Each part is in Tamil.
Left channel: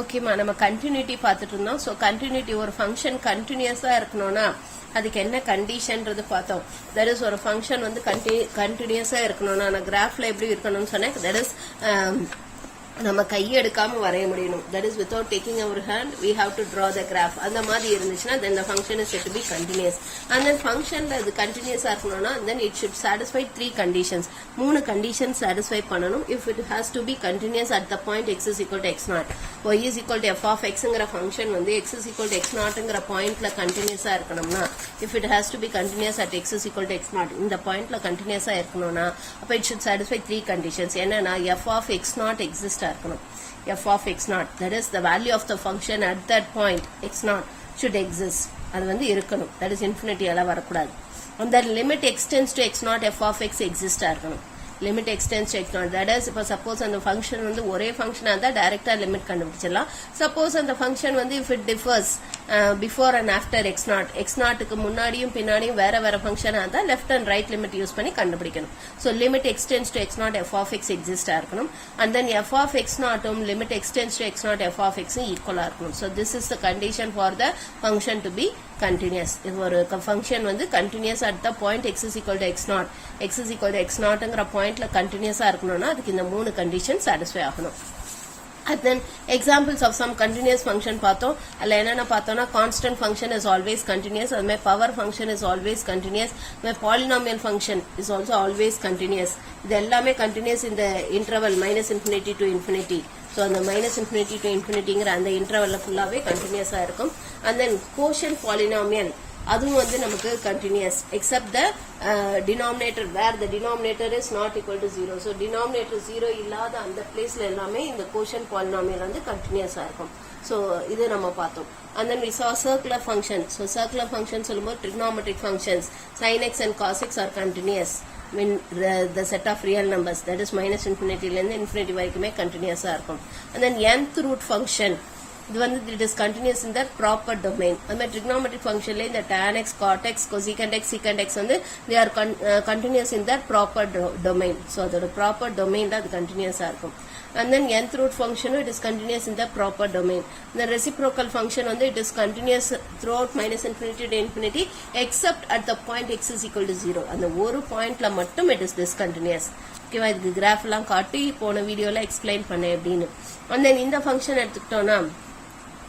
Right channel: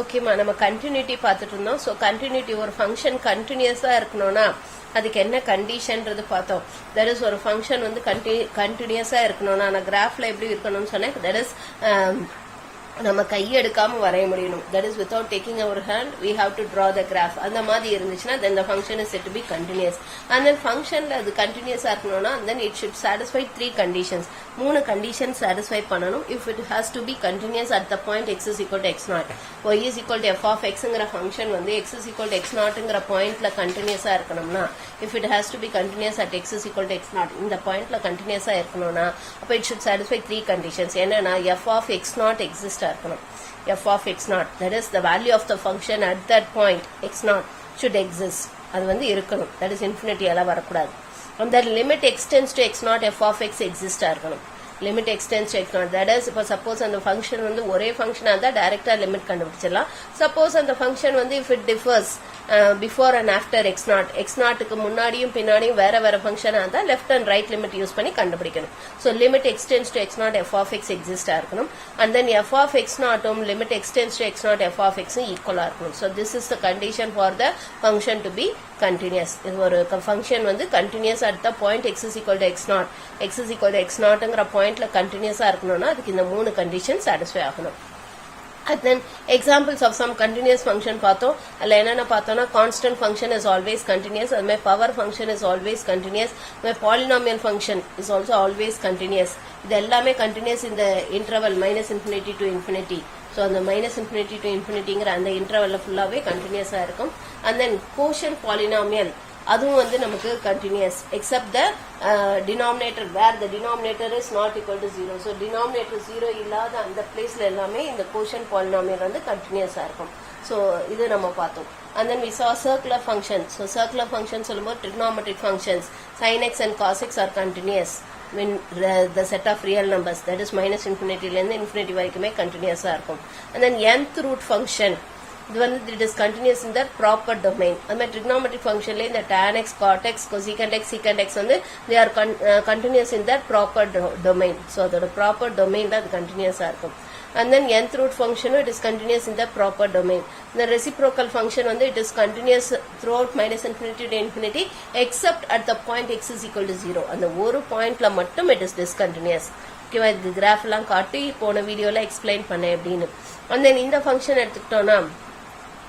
ஓகேமா, நம்ம கண்டினியூட்டி பார்த்துட்டு இருந்தோம். ஸோ கண்டினியூட்டி ஒரு ஃபங்க்ஷன் கண்டினியூஸா இருக்கணும்னா அதுக்கு என்ன கண்டிஷன்றது பார்த்தோம். தட் இஸ் ஒரு ஃபங்க்ஷன் வந்து கண்டினியூஸா இருக்கணும்னா நான் கிராஃப்ல எப்படி இருக்கணும்னு சொன்னேன். தட் இஸ் நம்ம கையை எடுக்காம வரைய முடியணும். That is without taking our hand we have to draw the graph. அந்த மாதிரி இருந்துச்சுன்னா then the function is said to be continuous. And then ஃபங்க்ஷன்ல அது கண்டினியூஸா இருக்கணும்னா then it should satisfy 3 conditions. 3 condition satisfy பண்ணணும். If it has to be continuous at the point x is equal to x0, y is equal to f of xங்கிற ஃபங்க்ஷன் வந்து x is equal to x0ங்கிற பாயிண்ட்ல கண்டினியூஸா இருக்கணும்னா, if it has to be continuous at x is equal to x0 இந்த பாயிண்ட்ல கண்டினியூஸா இருக்கணும்னா அப்ப இட் ஷுட் சாட்டிஸ்ஃபை 3 கண்டிஷன்ஸ். என்னன்னா f of x0 எக்ஸிஸ்ட் இருக்கணும். f of x0, that is the value of the function at that point x0 should exist. அது வந்து இருக்கணும். that is infinity எல்லாம் வரக்கூடாது. and that limit extends to x0 f of x exist இருக்கணும். limit extends to x0, that is இப்போ சப்போஸ் அந்த ஃபங்க்ஷன் வந்து ஒரே ஃபங்க்ஷனா இருந்தா டைரக்டா லிமிட் கண்டுபிடிச்சிடலாம். சப்போஸ் அந்த ஃபங்க்ஷன் வந்து if it differs before and after x0, x0க்கு முன்னாடியும் பின்னாடியும் வேற வேற ஃபங்க்ஷனா இருந்தா left and right limit use பண்ணி கண்டுபிடிக்கணும். so limit extends to x0 f of x exist இருக்கணும். and then f of x0 limit extends to x0 f of x equal இருக்கணும். so this is the condition for the function to be continuous. if ஒரு ஃபங்க்ஷன் வந்து continuous at the point x is equal to x0, x is equal to x0ங்கிற பாயிண்ட்ல கண்டினியூஸா இருக்கணும்னா அதுக்கு இந்த 3 கண்டிஷன் சாட்டிஸ்ஃபை ஆகணும். and then examples of some continuous function பார்த்தோம். அதுல என்னென்ன பார்த்தோம்னா constant function is always continuous, and my power function is always continuous, my polynomial function is also always continuous. இது எல்லாமே continuous in the interval minus infinity to infinity. so அந்த minus infinity to infinityங்கிற அந்த இன்டர்வல்ல ஃபுல்லாவே கண்டினியூஸா இருக்கும். and then quotient polynomial அதுவும் வந்து நமக்கு continuous except the denominator where the denominator is not equal to 0. so denominator 0 இல்லாத அந்த பிளேஸ்ல எல்லாமே இந்த quotient polynomial வந்து continuous இருக்கும். so இது நம்ம பார்த்தோம். and then we saw circular functions. so circular functions சொல்லும்போது trigonometric functions sin x and cos x are continuous when the set of real numbers, that is minus infinity ல இருந்து infinity வரைக்குமே continuous இருக்கும். and then nth root function இது வந்து it is continuous in the proper domain. அந்த trigonometric functionல இந்த tan x, cot x, cosecant x, secant x வந்து they are continuous in their proper domain. so அதோட proper domainல அது continuous-ஆ இருக்கும். and then nth root function it is continuous in the proper domain. the reciprocal function வந்து it is continuous throughout minus infinity to infinity except at the point x is equal to 0. அந்த ஒரு பாயிண்ட்ல மட்டும் it is discontinuous. ஓகேவா, இதுக்கு கிராஃப் எல்லாம் காட்டி போன வீடியோல எக்ஸ்பிளைன் பண்ணேன் அப்படின்னு. and then இந்த ஃபங்க்ஷன் எடுத்துக்கிட்டோம்னா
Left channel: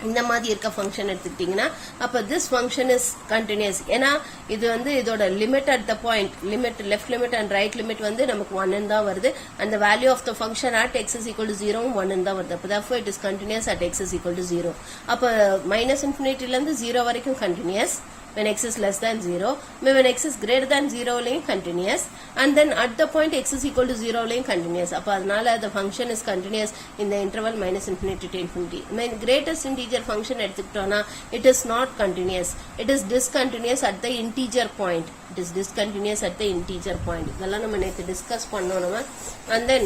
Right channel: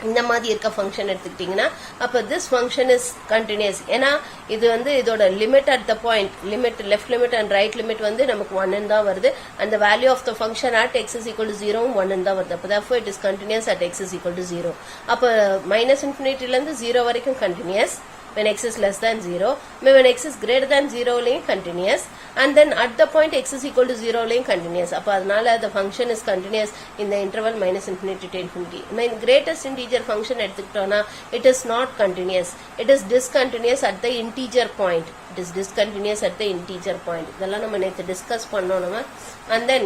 இந்த மாதிரி இருக்க ஃபங்க்ஷன் எடுத்துக்கிட்டீங்கன்னா அப்ப திஸ் ஃபங்க்ஷன் இஸ் கண்டினியூஸ். ஏன்னா இது வந்து இதோட limit at the point limit left limit and right limit வந்து நமக்கு 1 தான் வருது. அந்த value of the function at x is equal to 0 1 தான் வருது. அப்ப therefore it is continuous at x is equal to 0. அப்ப மைனஸ் இன்ஃபினிட்டில இருந்து 0 வரைக்கும் continuous when x is less than 0, when x is greater than 0 லையும் continuous, and then at the point x is equal to 0 லையும் continuous. அப்ப அதனால the function is continuous in the interval minus infinity to infinity. when greatest integer function எடுத்துக்கிட்டோம்னா it is not continuous, it is discontinuous at the integer point. it is discontinuous at the integer point. இதெல்லாம் நம்ம நேத்து டிஸ்கஸ் பண்ணோம் நம்ம. and then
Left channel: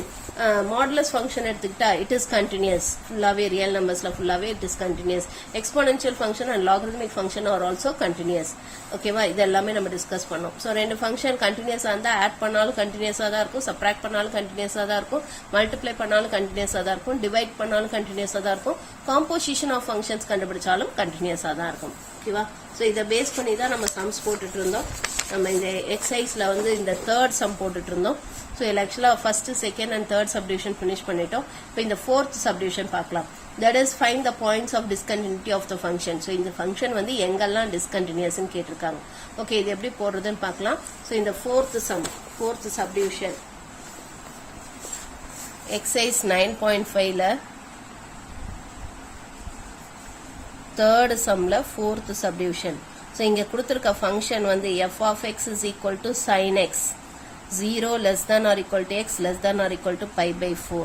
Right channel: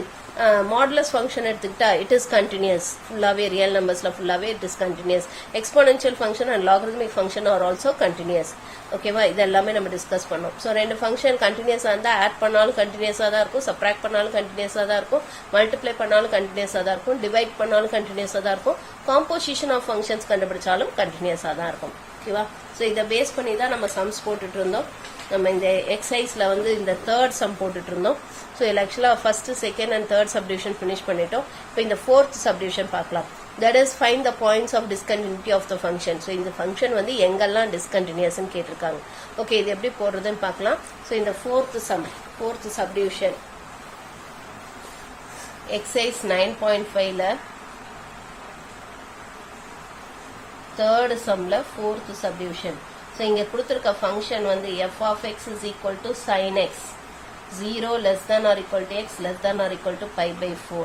modulus function எடுத்துக்கிட்டா it is continuous, ஃபுல்லாவே ரியல் நம்பர்ஸ்ல ஃபுல்லாவே it is continuous. exponential function and logarithmic function are also continuous. ஓகேவா, இது எல்லாமே நம்ம டிஸ்கஸ் பண்ணோம். சோ ரெண்டு ஃபங்க்ஷன் கண்டினியூஸா இருந்தா ஆட் பண்ணாலும் கண்டினியூஸா தான் இருக்கும், சப்ட்ராக்ட் பண்ணாலும் கண்டினியூஸா தான் இருக்கும், மல்டிப்ளை பண்ணாலும் கண்டினியூஸா தான் இருக்கும், டிவைட் பண்ணாலும் கண்டினியூஸா தான் இருக்கும், காம்போசிஷன் ஆஃப் ஃபங்க்ஷன்ஸ் கண்டுபிடிச்சாலும் கண்டினியூஸா தான் இருக்கும். ஓகேவா, சோ இத பேஸ் பண்ணி தான் நம்ம சம்ஸ் போட்டுட்டு இருந்தோம். நம்ம இந்த எக்ஸசைஸ்ல வந்து இந்த தேர்ட் சம் போட்டுட்டு இருந்தோம். ஸோ இதில் ஆக்சுவலாக first second and third subdivision finish பண்ணிட்டோம். இப்போ இந்த ஃபோர்த் சப்டிவிஷன் பார்க்கலாம். That is find the points of discontinuity of the function. So இந்த ஃபங்க்ஷன் வந்து எங்கெல்லாம் டிஸ்கண்டினியூஸ்ன்னு கேட்டிருக்காங்க. ஓகே, இது எப்படி போடுறதுன்னு பார்க்கலாம். ஸோ இந்த ஃபோர்த் சப்டிவிஷன் எக்ஸசைஸ் 9.5ல தேர்ட் சம்ல ஃபோர்த் சப்டிவிஷன். ஸோ இங்க கொடுத்துருக்க ஃபங்க்ஷன் வந்து f of x is equal to sin x 0 less than or equal to x less than or equal to pi by 4,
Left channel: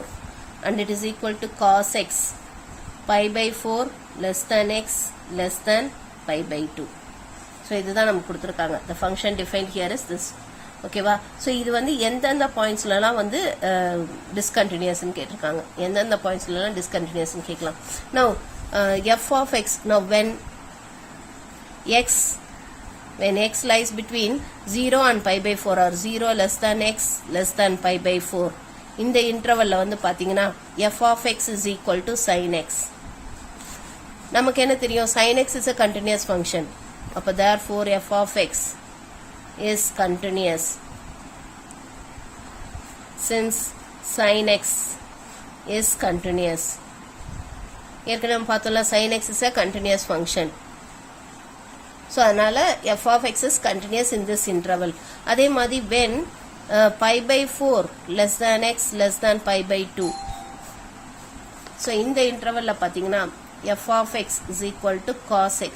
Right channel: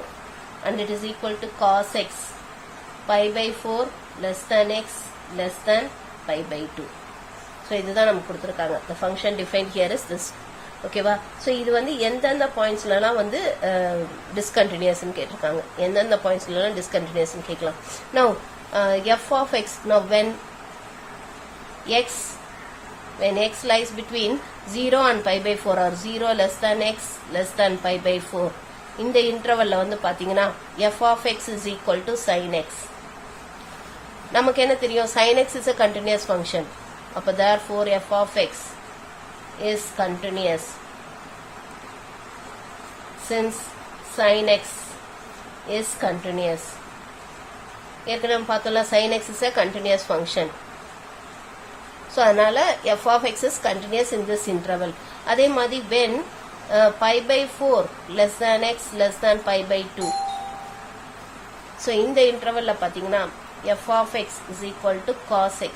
and it is equal to cos x pi by 4 less than x less than pi by 2. so இதுதான் நமக்கு கொடுத்திருக்காங்க. the function defined here is this. ஓகேவா, so இது வந்து எந்தெந்த பாயிண்ட்ஸ்லாம் வந்து டிஸ்கண்டினியூஸ்னு கேட்டிருக்காங்க, எந்தெந்த பாயிண்ட்ஸ்லாம் டிஸ்கண்டினியூஸ்னு கேட்கலாம். now f of x, now when x lies between 0 and pi by 4 or 0 less than x less than pi by 4, இந்த இன்டர்வல்ல வந்து பாத்தீங்கன்னா f of x is equal to sin x. நமக்கு என்ன தெரியும் sin x is a continuous function அப்ப therefore f of x is continuous since sin x is continuous ஏற்கனவே பார்த்தோம்ல sin x is a continuous function so அதனால f of x is continuous in this interval அதே மாதிரி when pi by 4 less than x less than pi by 2 so இந்த interval ல பாத்தீங்கன்னா f of x is equal to cos x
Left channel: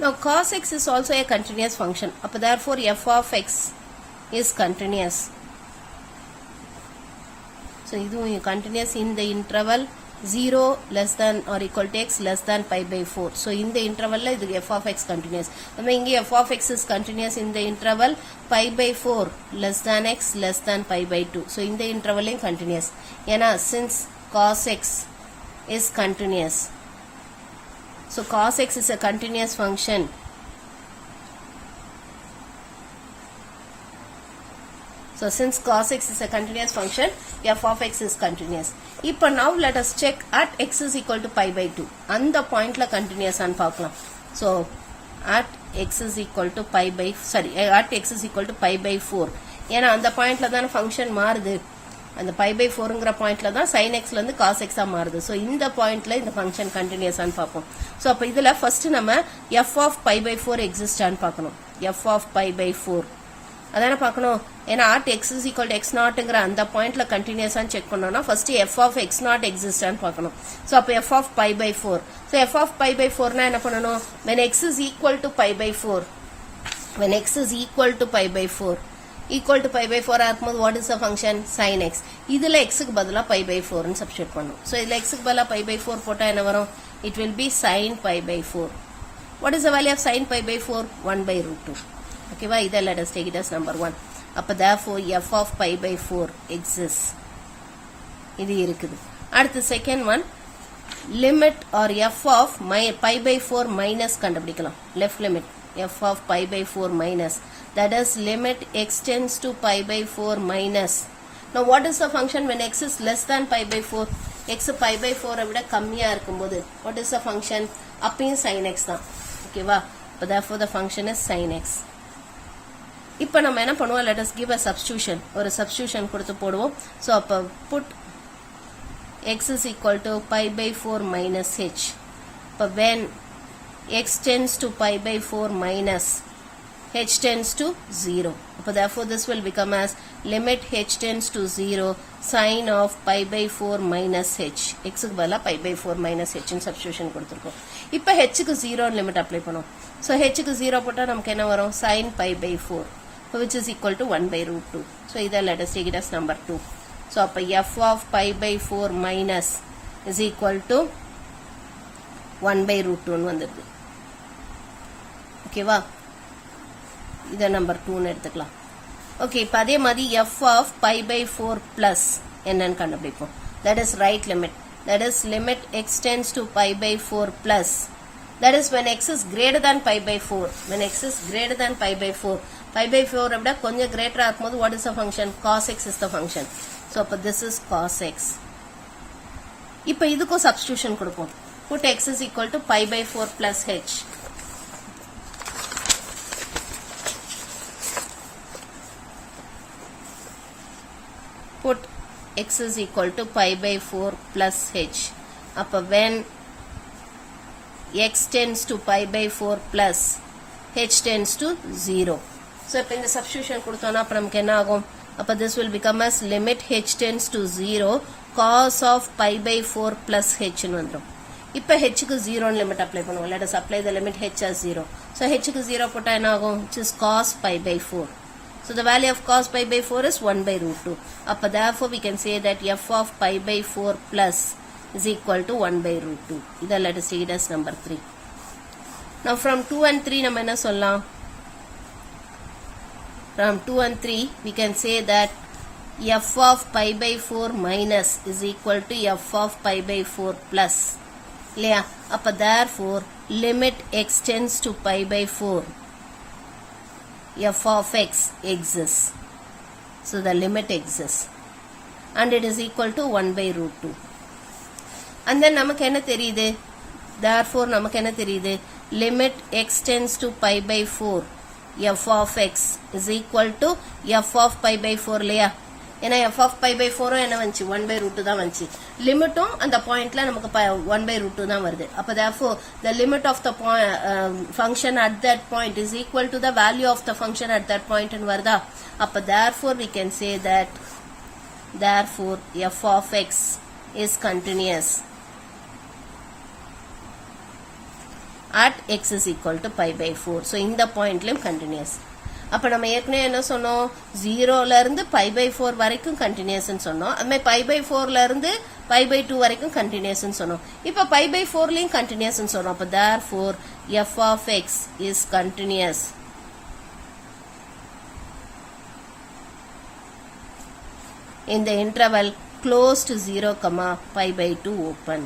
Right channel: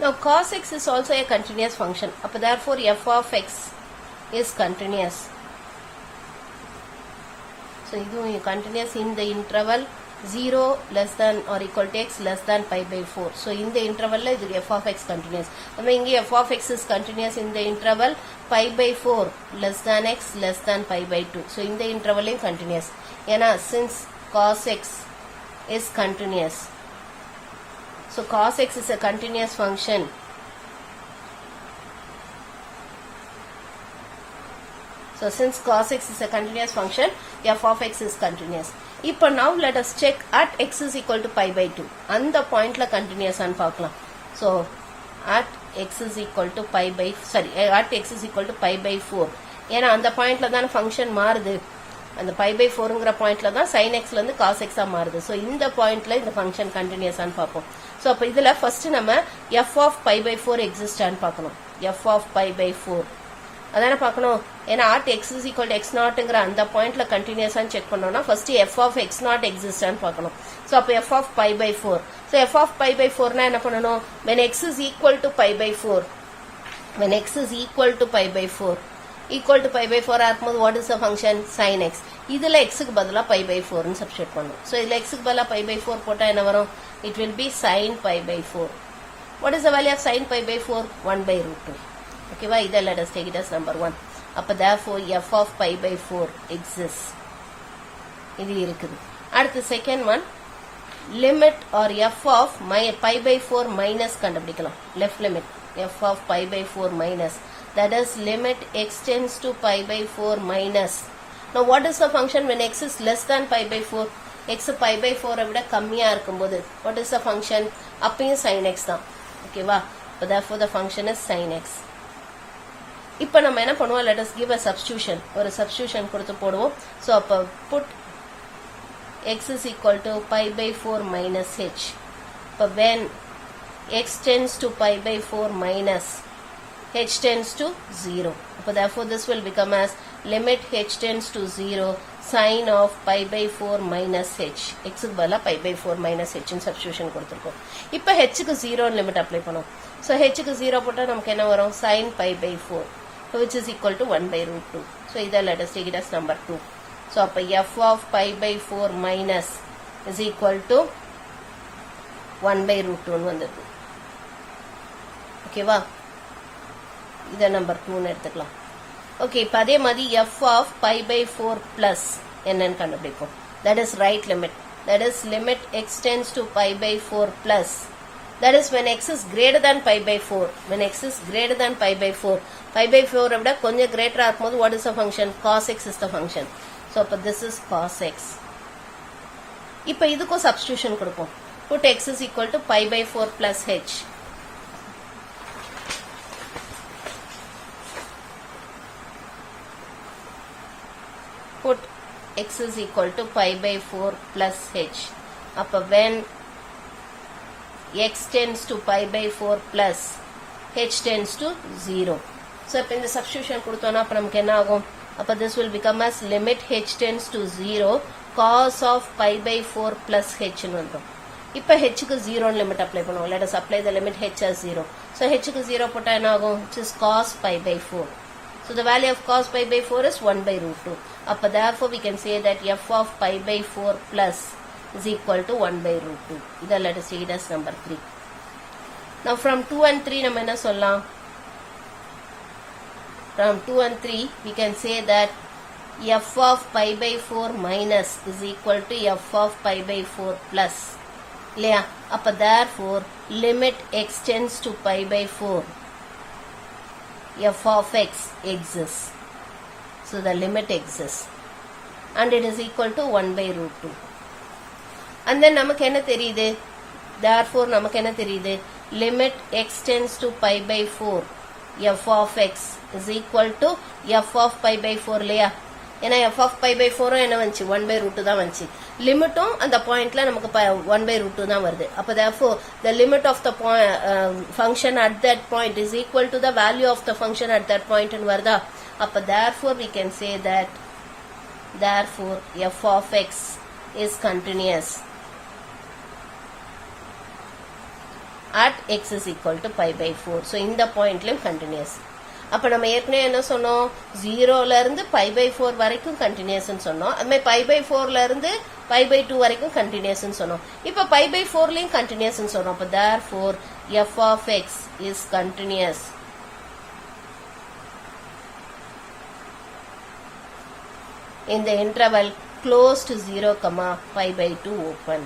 now cos x is also a continuous function அப்ப therefore f of x is continuous so இது continuous in the interval 0 less than or equal to x less than pi by 4 so in the interval la idu f of x continuous நம்ம இங்க f of x is continuous in the interval pi by 4 less than x less than pi by 2 so in the interval is continuous ஏனா since cos x is continuous so cos x is a continuous function so since cos x is a continuous function f of x is continuous இப்போ now let us check at x is equal to pi by 2 அந்த பாயிண்ட்ல continuous ஆன்னு பார்க்கலாம் so at x is equal to pi by at x is equal to pi by 4 ஏனா அந்த பாயிண்ட்ல தான் ஃபங்க்ஷன் மாறுது அந்த pi by 4ங்கற பாயிண்ட்ல தான் sin x ல இருந்து cos x ஆ மாறுது so இந்த பாயிண்ட்ல இந்த ஃபங்க்ஷன் continuous ஆன்னு பார்ப்போம் so அப்ப இதுல ஃபர்ஸ்ட் நம்ம f of pi by 4 exist ஆன்னு பார்க்கணும் f of pi by 4 அதான பார்க்கணும் ஏனா at x is equal to x நாட்ங்கற அந்த பாயிண்ட்ல கண்டினியூஸா செக் பண்ணனும்னா first f of x not exist ஆன்னு பார்க்கணும் சோ அப்ப f of pi by 4 so f of pi by 4 னா என்ன பண்ணனும் when x is equal to pi by 4 when x is equal to pi by 4 ஆகும்போது what is the function sin x இதுல x க்கு பதிலா pi by 4 னு சப்ஸ்டிட்யூட் பண்ணனும் சோ இதுல x க்கு பதிலா pi by 4 போட்டா என்ன வரும் it will be sin pi by 4 what is the value of sin pi by 4 1 by root 2 okay va idha let us take it as number 1 அப்ப therefore f of pi by 4 exists இது இருக்குது அடுத்து second one limit or f of pi by 4 minus கண்டுபிடிக்கலாம் left limit f of pi by 4 minus that is limit x tends to pi by 4 minus now what is the function when x is less than pi by 4 x pi by 4 விட கம்மியா இருக்கும்போது what is the function அப்பையும் sin x தான் ஓகேவா so therefore the function is sin x இப்போ நம்ம என்ன பண்ணுவோம் let us give a substitution ஒரு substitution கொடுத்து போடுவோம் so அப்ப put x is equal to pi by 4 minus h அப்ப when x tends to pi by 4 minus h tends to 0 அப்ப therefore this will become as limit h tends to 0 sin of pi by 4 minus h x க்கு பதிலா pi by 4 minus h ன்னு substitution கொடுத்திருக்கோம் இப்போ h க்கு 0 லிமிட் அப்ளை பண்ணுவோம் so h க்கு 0 போட்டா நமக்கு என்ன வரும் sin pi by 4 which is equal to 1 by root 2 so either let us take it as number 2 so appa f of pi by 4 minus is equal to 1 by root 2 nu vandirukku okay va idha number 2 nu eduthikalam okay ipo adhe madi f of pi by 4 plus enna nu kandupidipom that is right limit that is limit x tends to pi by 4 plus that is when x is greater than pi by 4 when x is greater than pi by 4 pi by 4 விட கொஞ்சம் greater ஆகும்போது what is the function cos x is the function so அப்ப this is cos x இப்போ இதுக்கு substitution கொடுப்போம் put x is equal to pi by 4 plus h put x is equal to pi by 4 plus h அப்ப when x tends to pi by 4 plus h tends to 0 so இப்போ இந்த substitution கொடுத்தோம்னா அப்ப நமக்கு என்ன ஆகும் அப்ப this will become as limit h tends to 0 cos of pi by 4 plus h ன்னு வந்துரும் இப்போ h க்கு 0 ன்னு லிமிட் அப்ளை பண்ணுவோம் let us apply the limit h as 0 so h க்கு 0 போட்டா என்ன ஆகும் which is cos pi by 4 so the value of cos pi by 4 is 1 by root 2 அப்ப therefore we can say that f of pi by 4 plus is equal to 1 by root 2 இத let us see it as number 3 now from 2 and 3 நம்ம என்ன சொல்லலாம் from 2 and 3 we can say that f of pi by 4 minus is equal to f of pi by 4 plus இல்லையா அப்ப therefore limit x tends to pi by 4 f of x exists so the limit exists and it is equal to 1 by root 2 and then நமக்கு என்ன தெரியுது, therefore நமக்கு என்ன தெரியுது, limit x tends to pi by 4 f of x is equal to f of pi by 4 இல்லையா, ஏன்னா f of pi by 4 என்ன வந்துச்சு, 1 by root 2 தான் வந்துச்சு, லிமிட்டும் அந்த பாயிண்ட்ல நமக்கு 1 by root 2 தான் வருது. அப்ப therefore the limit of the function at that point is equal to the value of the function at that point ன்னு வருதா. அப்ப therefore we can say that therefore f of x is continuous at x is equal to pi by 4. So இந்த பாயிண்ட்லயும் continuous. அப்ப நம்ம ஏற்கனவே என்ன சொன்னோம், 0ல இருந்து pi by 4 வரைக்கும் continuous ன்னு சொன்னோம். அதுமே pi by 4ல இருந்து pi by 2 வரைக்கும் continuous ன்னு சொன்னோம். இப்ப pi by 4லயும் continuous ன்னு சொன்னோம். அப்ப therefore f of x is continuous in the interval close to 0, pi by 2 open.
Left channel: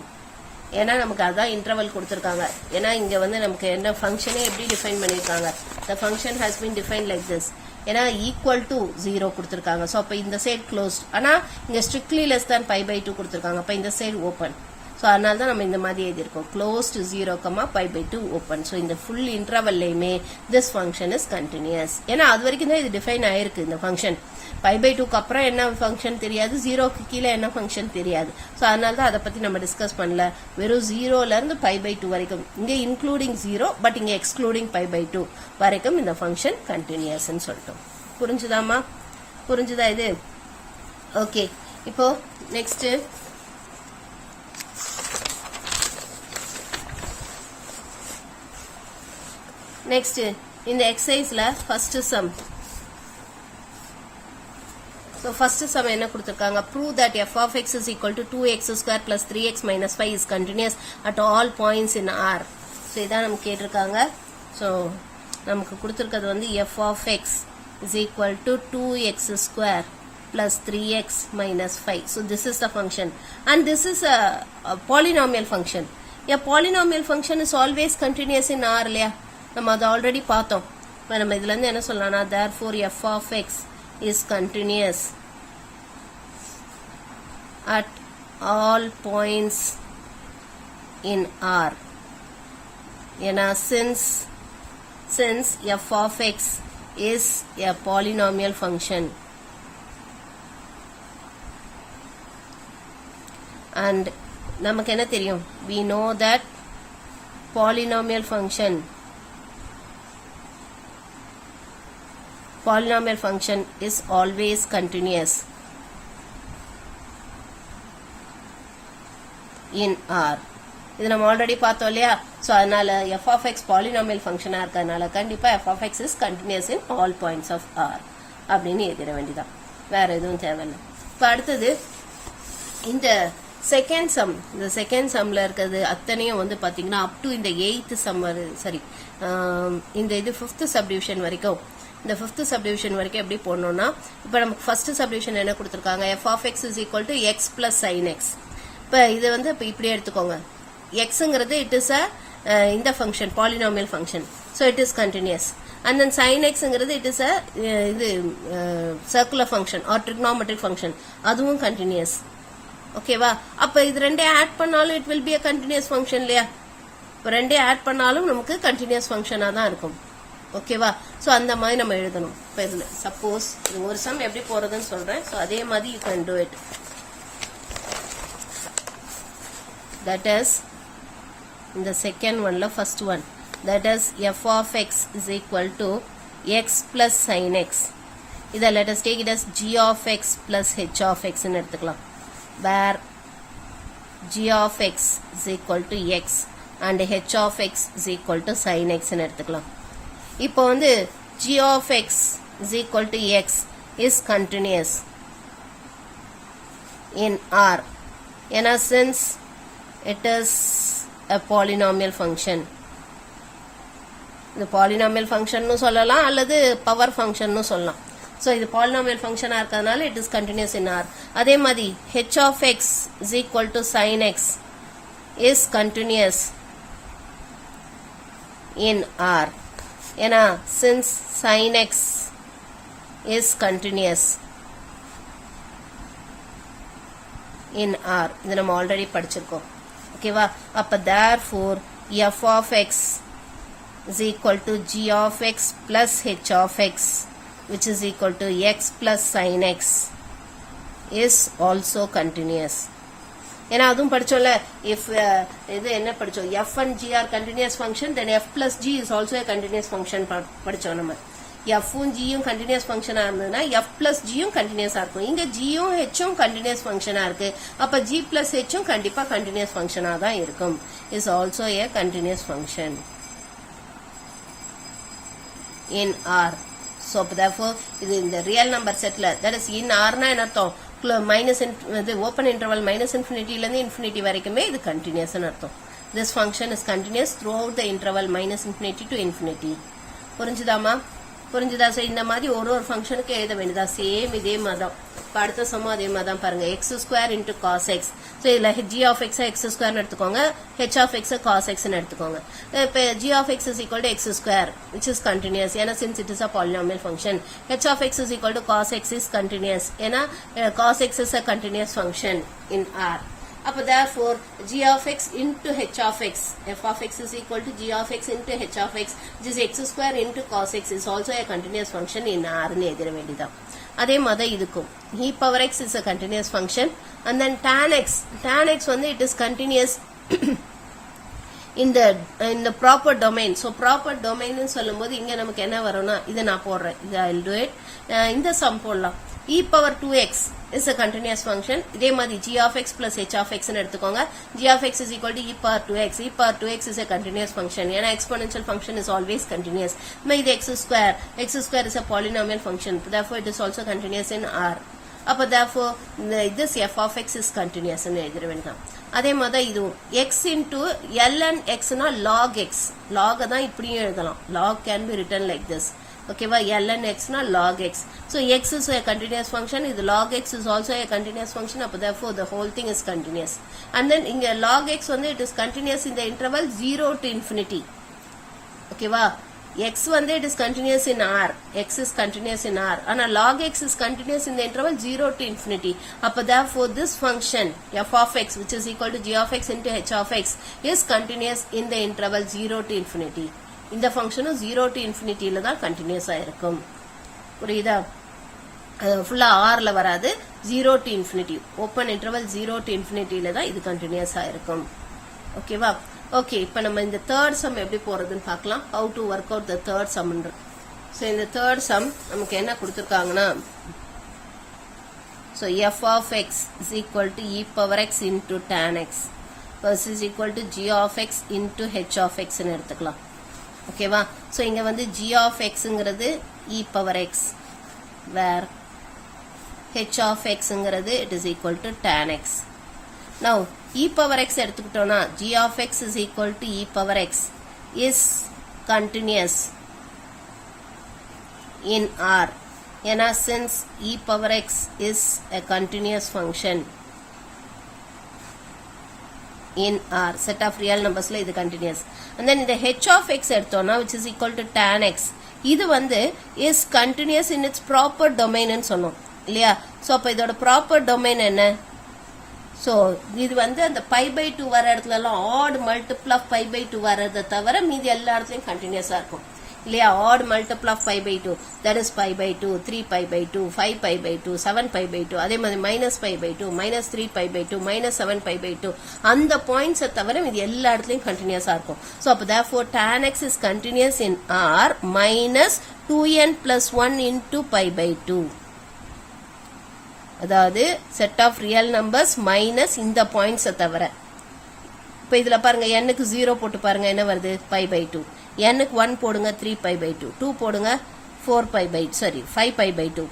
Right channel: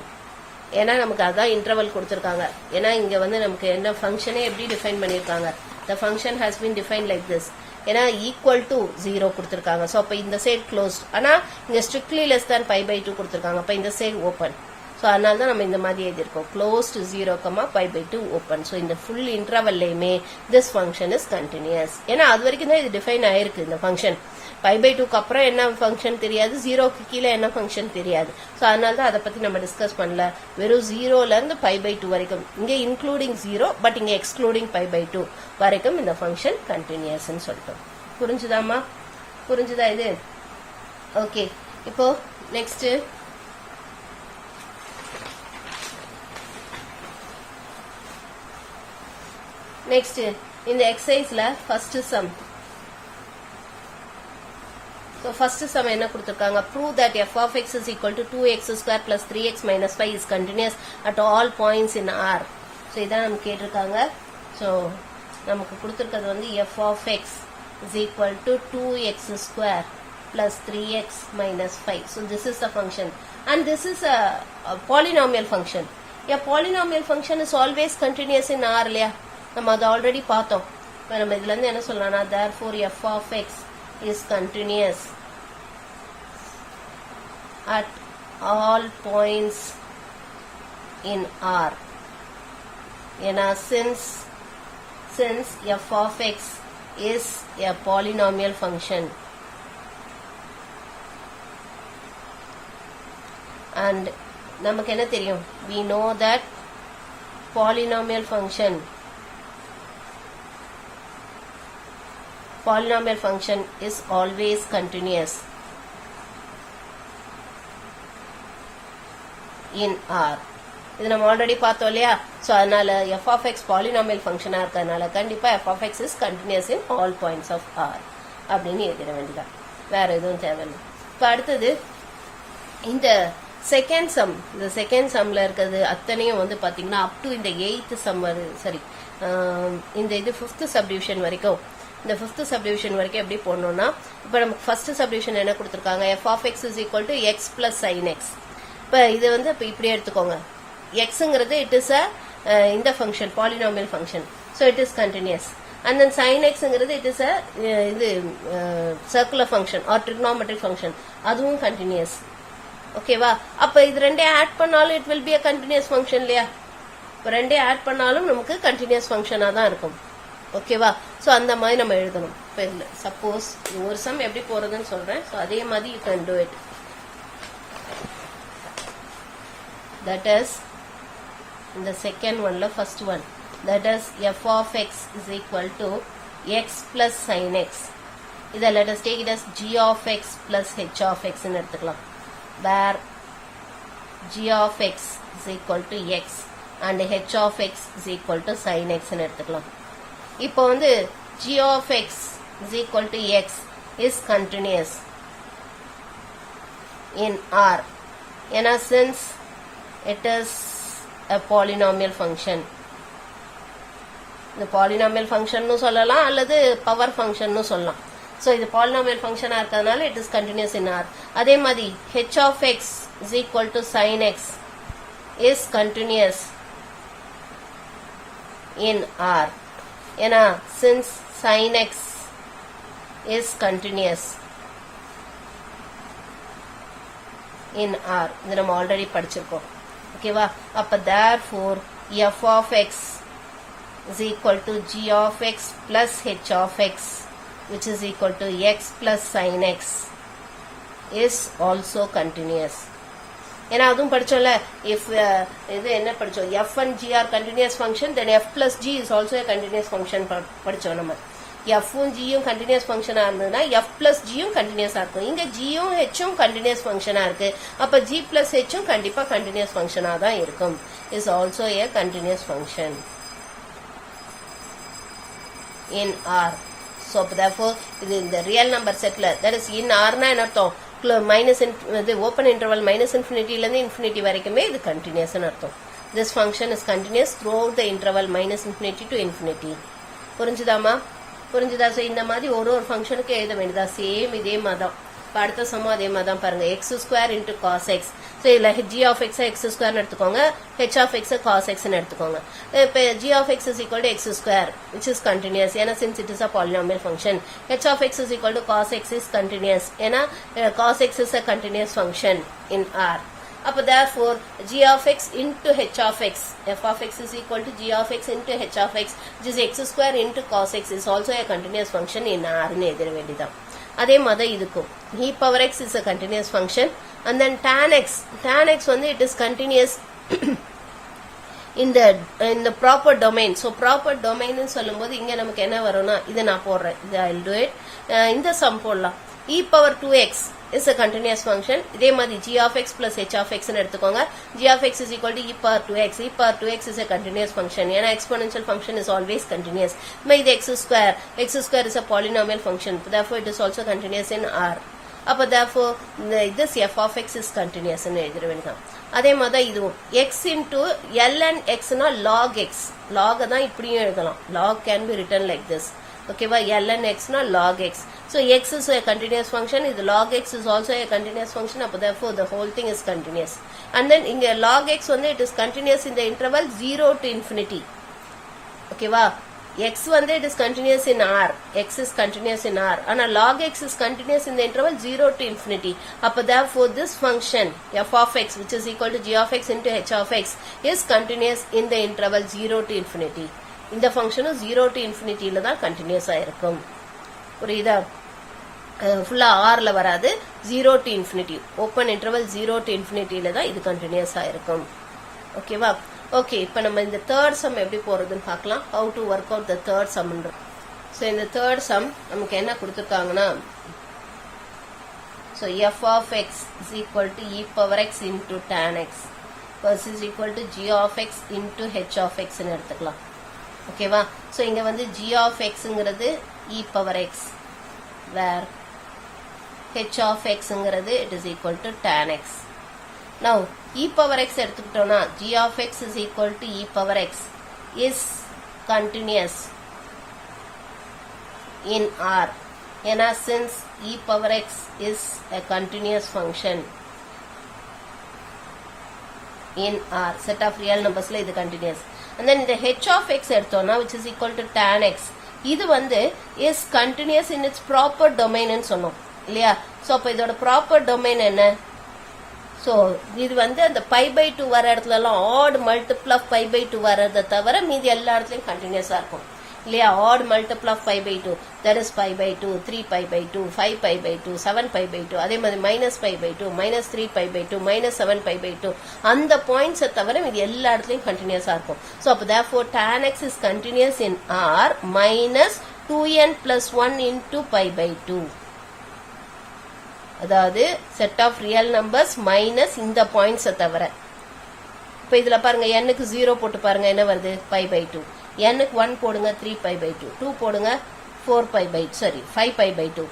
ஏன்னா நமக்கு அதான் இன்டர்வல் கொடுத்திருக்காங்க. ஏன்னா இங்க வந்து நமக்கு என்ன ஃபங்க்ஷனே எப்படி டிஃபைன் பண்ணிருக்காங்க, the function has been defined like this. ஏன்னா equal to 0 கொடுத்திருக்காங்க. சோ அப்ப இந்த சைடு க்ளோஸ்ட், ஆனா இங்க strictly less than pi by 2 கொடுத்திருக்காங்க. அப்ப இந்த சைடு ஓபன். சோ அதனால தான் நம்ம இந்த மாதிரி எழுதிருக்கோம், close to 0, pi by 2 open. So இந்த full intervalலையுமே this function is continuous. ஏன்னா அது வரைக்கும் தான் இது டிஃபைன் ஆயிருக்கு இந்த ஃபங்க்ஷன். pi by 2 க்கு அப்புறம் என்ன ஃபங்க்ஷன் தெரியாது, 0க்கு கீழே என்ன ஃபங்க்ஷன் தெரியாது. சோ அதனால தான் அதை பத்தி நம்ம டிஸ்கஸ் பண்ணல. வெறும் 0ல இருந்து pi by 2 வரைக்கும், இங்க இன்க்ளூடிங் 0 பட் இங்க எக்ஸ்க்ளூடிங் pi by 2 வரைக்கும் இந்த ஃபங்க்ஷன் கண்டினியூஸ் ன்னு சொல்லிட்டோம். புரிஞ்சுதாமா, புரிஞ்சுதா இது? ஓகே, இப்போ நெக்ஸ்ட் இந்த எக்ஸசைஸ்ல first sum. So first sum என்ன கொடுத்திருக்காங்க, prove that f of x is equal to 2x square plus 3x minus 5 is continuous at all points in R. So இதான் நமக்கு கேட்டிருக்காங்க. So நமக்கு கொடுத்திருக்கிறது வந்து f of x is equal to 2x square plus 3x minus 5. So this is the function and this is a polynomial function. A polynomial function is always continuous in R இல்லையா, நம்ம அதை ஆல்ரெடி பார்த்தோம். நம்ம இதுல இருந்து என்ன சொல்லலாம்னா, therefore f of x is continuous at all points in R. ஏன்னா since f of x is a polynomial function and நமக்கு என்ன தெரியும், we know that polynomial function is always continuous in R. இது நம்ம ஆல்ரெடி பார்த்தோம் இல்லையா. சோ அதனால f of x பாலினாமியல் ஃபங்க்ஷனா இருக்கறனால கண்டிப்பா f of x is continuous in all points of R அப்படின்னு எழுதிட வேண்டியதான், வேற எதுவும் தேவையில்லை. இப்போ அடுத்தது இந்த செகண்ட் சம். இந்த செகண்ட் சம்ல இருக்கிறது அத்தனையும் வந்து பாத்தீங்கன்னா அப் டு இந்த 8th சம், சரி இந்த இது 5th சப்டிவிஷன் வரைக்கும், இந்த 5th சப்டிவிஷன் வரைக்கும் எப்படி போடணும்னா, இப்போ நமக்கு ஃபர்ஸ்ட் சப்டிவிஷன் என்ன கொடுத்திருக்காங்க, f of x is equal to x plus sin x. இப்போ இது வந்து இப்போ இப்படி எடுத்துக்கோங்க, xங்கிறது இட் இஸ் இந்த function polynomial function, so it is continuous. And then sin xங்கிறது இட் இஸ் இது circular function or trigonometric function, அதுவும் கண்டினியூஸ். ஓகேவா, அப்போ இது ரெண்டே ஆட் பண்ணாலும் it will be a continuous function இல்லையா. இப்போ ரெண்டே ஆட் பண்ணாலும் நமக்கு கண்டினியூஸ் ஃபங்க்ஷனாக தான் இருக்கும். ஓகேவா, ஸோ அந்த மாதிரி நம்ம எழுதணும். இப்போ இதில் சப்போஸ் இது ஒரு சம் எப்படி போறதுன்னு சொல்றேன். ஸோ அதே மாதிரி you can do it. That is in the second one, first one, that is f of x is equal to x plus sin x. Iда let us take it as g of x plus h of x ன்னு எடுத்துக்கலாம், where g of x is equal to x and h of x is equal to sin x ன்னு எடுத்துக்கலாம். இப்போ வந்து g of x is equal to x is continuous in R. ஏன்னா since it is a polynomial function, இந்த polynomial function னு சொல்லலாம் அல்லது பவர் ஃபங்க்ஷன் னு சொல்லலாம். ஸோ இது polynomial function இருக்கிறதுனால it is continuous in R. அதே மாதிரி h of x is equal to sin x is continuous in R. ஏன்னா since sin x is continuous in R, இது நம்ம ஆல்ரெடி படிச்சிருக்கோம். ஓகேவா? அப்ப therefore f of x is equal to g of x plus h of x which is equal to x plus sin x is also continuous. ஏன்னா அதுவும் படிச்சோம்ல, if இது என்ன படிச்சோம், f and g are continuous function, then f plus g is also a continuous function படிச்சோம் நம்ம. f உம் g உம் continuous function இருந்ததுன்னா f plus g உம் continuous இருக்கும். இங்க g உம் h உம் continuous function இருக்கு. அப்ப g plus h உம் கண்டிப்பா continuous function தான் இருக்கும். is also a continuous function in R. So therefore இது இந்த real number setல, that is in R னா என்ன அர்த்தம், மைனஸ் ஓப்பன் இன்டர்வல் மைனஸ் இன்ஃபினிட்டிலேருந்து இன்ஃபினிட்டி வரைக்குமே இது கண்டினியூஸ் அர்த்தம். This function is continuous throughout the interval minus infinity to infinity. புரிஞ்சுதாமா? புரிஞ்சுதா? ஸோ இந்த மாதிரி ஒரு ஃபங்க்ஷனுக்கு எழுத வேண்டியதா, சேம் இதே மாதிரி தான். இப்போ அடுத்த சமம் அதே மாதிரி தான் பாருங்க, x square into cos x. So இதில் ஜி ஆஃப் எக்ஸை எக்ஸ் ஸ்கொயர்னு எடுத்துக்கோங்க, ஹெச் ஆஃப் எக்ஸை காஸ் எக்ஸ்ன்னு எடுத்துக்கோங்க. இப்போ g of x is equal to x square which is continuous, ஏன்னா since it is a polynomial function. H of x is equal to cos x is continuous, ஏன்னா cos x is a continuous function in R. அப்போ therefore g of x into h of x, f of x is equal to g of x into h of x which is x square into cos x is also a continuous function in R னு எழுத வேண்டியதான். அதே மாதிரி இதுக்கும் e power x is a continuous function and then tan x வந்து it is continuous in the proper domain. So proper domain னு சொல்லும்போது இங்க நமக்கு என்ன வரும்னா, இதை நான் போடுறேன், I'll do it. இந்த சம் போடலாம். e power 2x is a continuous function. இதே மாதிரி g of x plus h of x னு எடுத்துக்கோங்க. g of x is equal to e power 2x. e power 2x is a continuous function. ஏன்னா exponential function is always continuous. இது x square is a polynomial function. Therefore it is also continuous in R. அப்ப therefore this f of x is continuous னு எழுத வேண்டியதான். அதே மாதிரி இதுவும் x into ln x னா log x. log தான் இப்படியும் எழுதலாம். log can be written like this. ஓகேவா? ln x னா log x. So x is a continuous function, இது log x is also a continuous function, அப்ப therefore the whole thing is continuous. And then இங்க log x வந்து it is continuous in the interval 0 to infinity. ஓகேவா? x வந்து it is continuous in R, x is continuous in R, ஆனா log x is continuous in the interval 0 to infinity. அப்ப therefore this function f of x which is equal to g of x into h of x is continuous in the interval 0 to infinity. இந்த ஃபங்க்ஷனும் 0 to infinity-ல தான் கண்டினியூஸா இருக்கும். புரியுதா? ஃபுல்லா ஆர்ல வராது, 0 to infinity, open interval 0 to infinity-ல தான் இது கண்டினியூஸா இருக்கும். ஓகேவா? ஓகே, இப்போ நம்ம இந்த தேர்ட் சம் எப்படி போறதுன்னு பார்க்கலாம். how to work out the third sum. So இந்த தேர்ட் சம் நமக்கு என்ன கொடுத்துருக்காங்கன்னா, so f of x is equal to e power x into tan x plus is equal to g of x into h of x ன்னு எடுத்துக்கலாம். ஓகேவா? ஸோ இங்க வந்து g of xங்கிறது e power x, where h of xங்கிறது it is equal to tan x. Now e power x எடுத்துக்கிட்டோம்னா g of x is equal to e power x is continuous in R. ஏன்னா since e power x is a continuous function in R, set of real numbersல இது continuous. And then இந்த h of x எடுத்தோம்னா which is equal to tan x, இது வந்து is continuous in its proper domain ன்னு சொன்னோம் இல்லையா? ஸோ அப்போ இதோட ப்ராப்பர் டொமைன் என்ன? ஸோ இது வந்து அந்த π/2 வர இடத்துலலாம் ஆட் மல்டிபிள் ஆஃப் π/2 வரதை தவிர மீதி எல்லா இடத்துலையும் கண்டினியூஸாக இருக்கும் இல்லையா? Odd multiple of π/2, that is π/2, 3π/2, 5π/2, 7π/2, அதே மாதிரி -π/2, -3π/2, -7π/2, அந்த பாயிண்ட்ஸை தவிர இது எல்லா இடத்துலையும் கண்டினியூஸாக இருக்கும். ஸோ அப்போ therefore tan x is continuous in R minus 2n plus 1 into π/2. அதாவது set of real numbers minus இந்த பாயிண்ட்ஸை தவிர. இப்போ இதில் பாருங்க, n-க்கு 0 போட்டு பாருங்க என்ன வருது, π/2. n-க்கு 1 போடுங்க, 3π/2. 2 போடுங்க, 5π/2.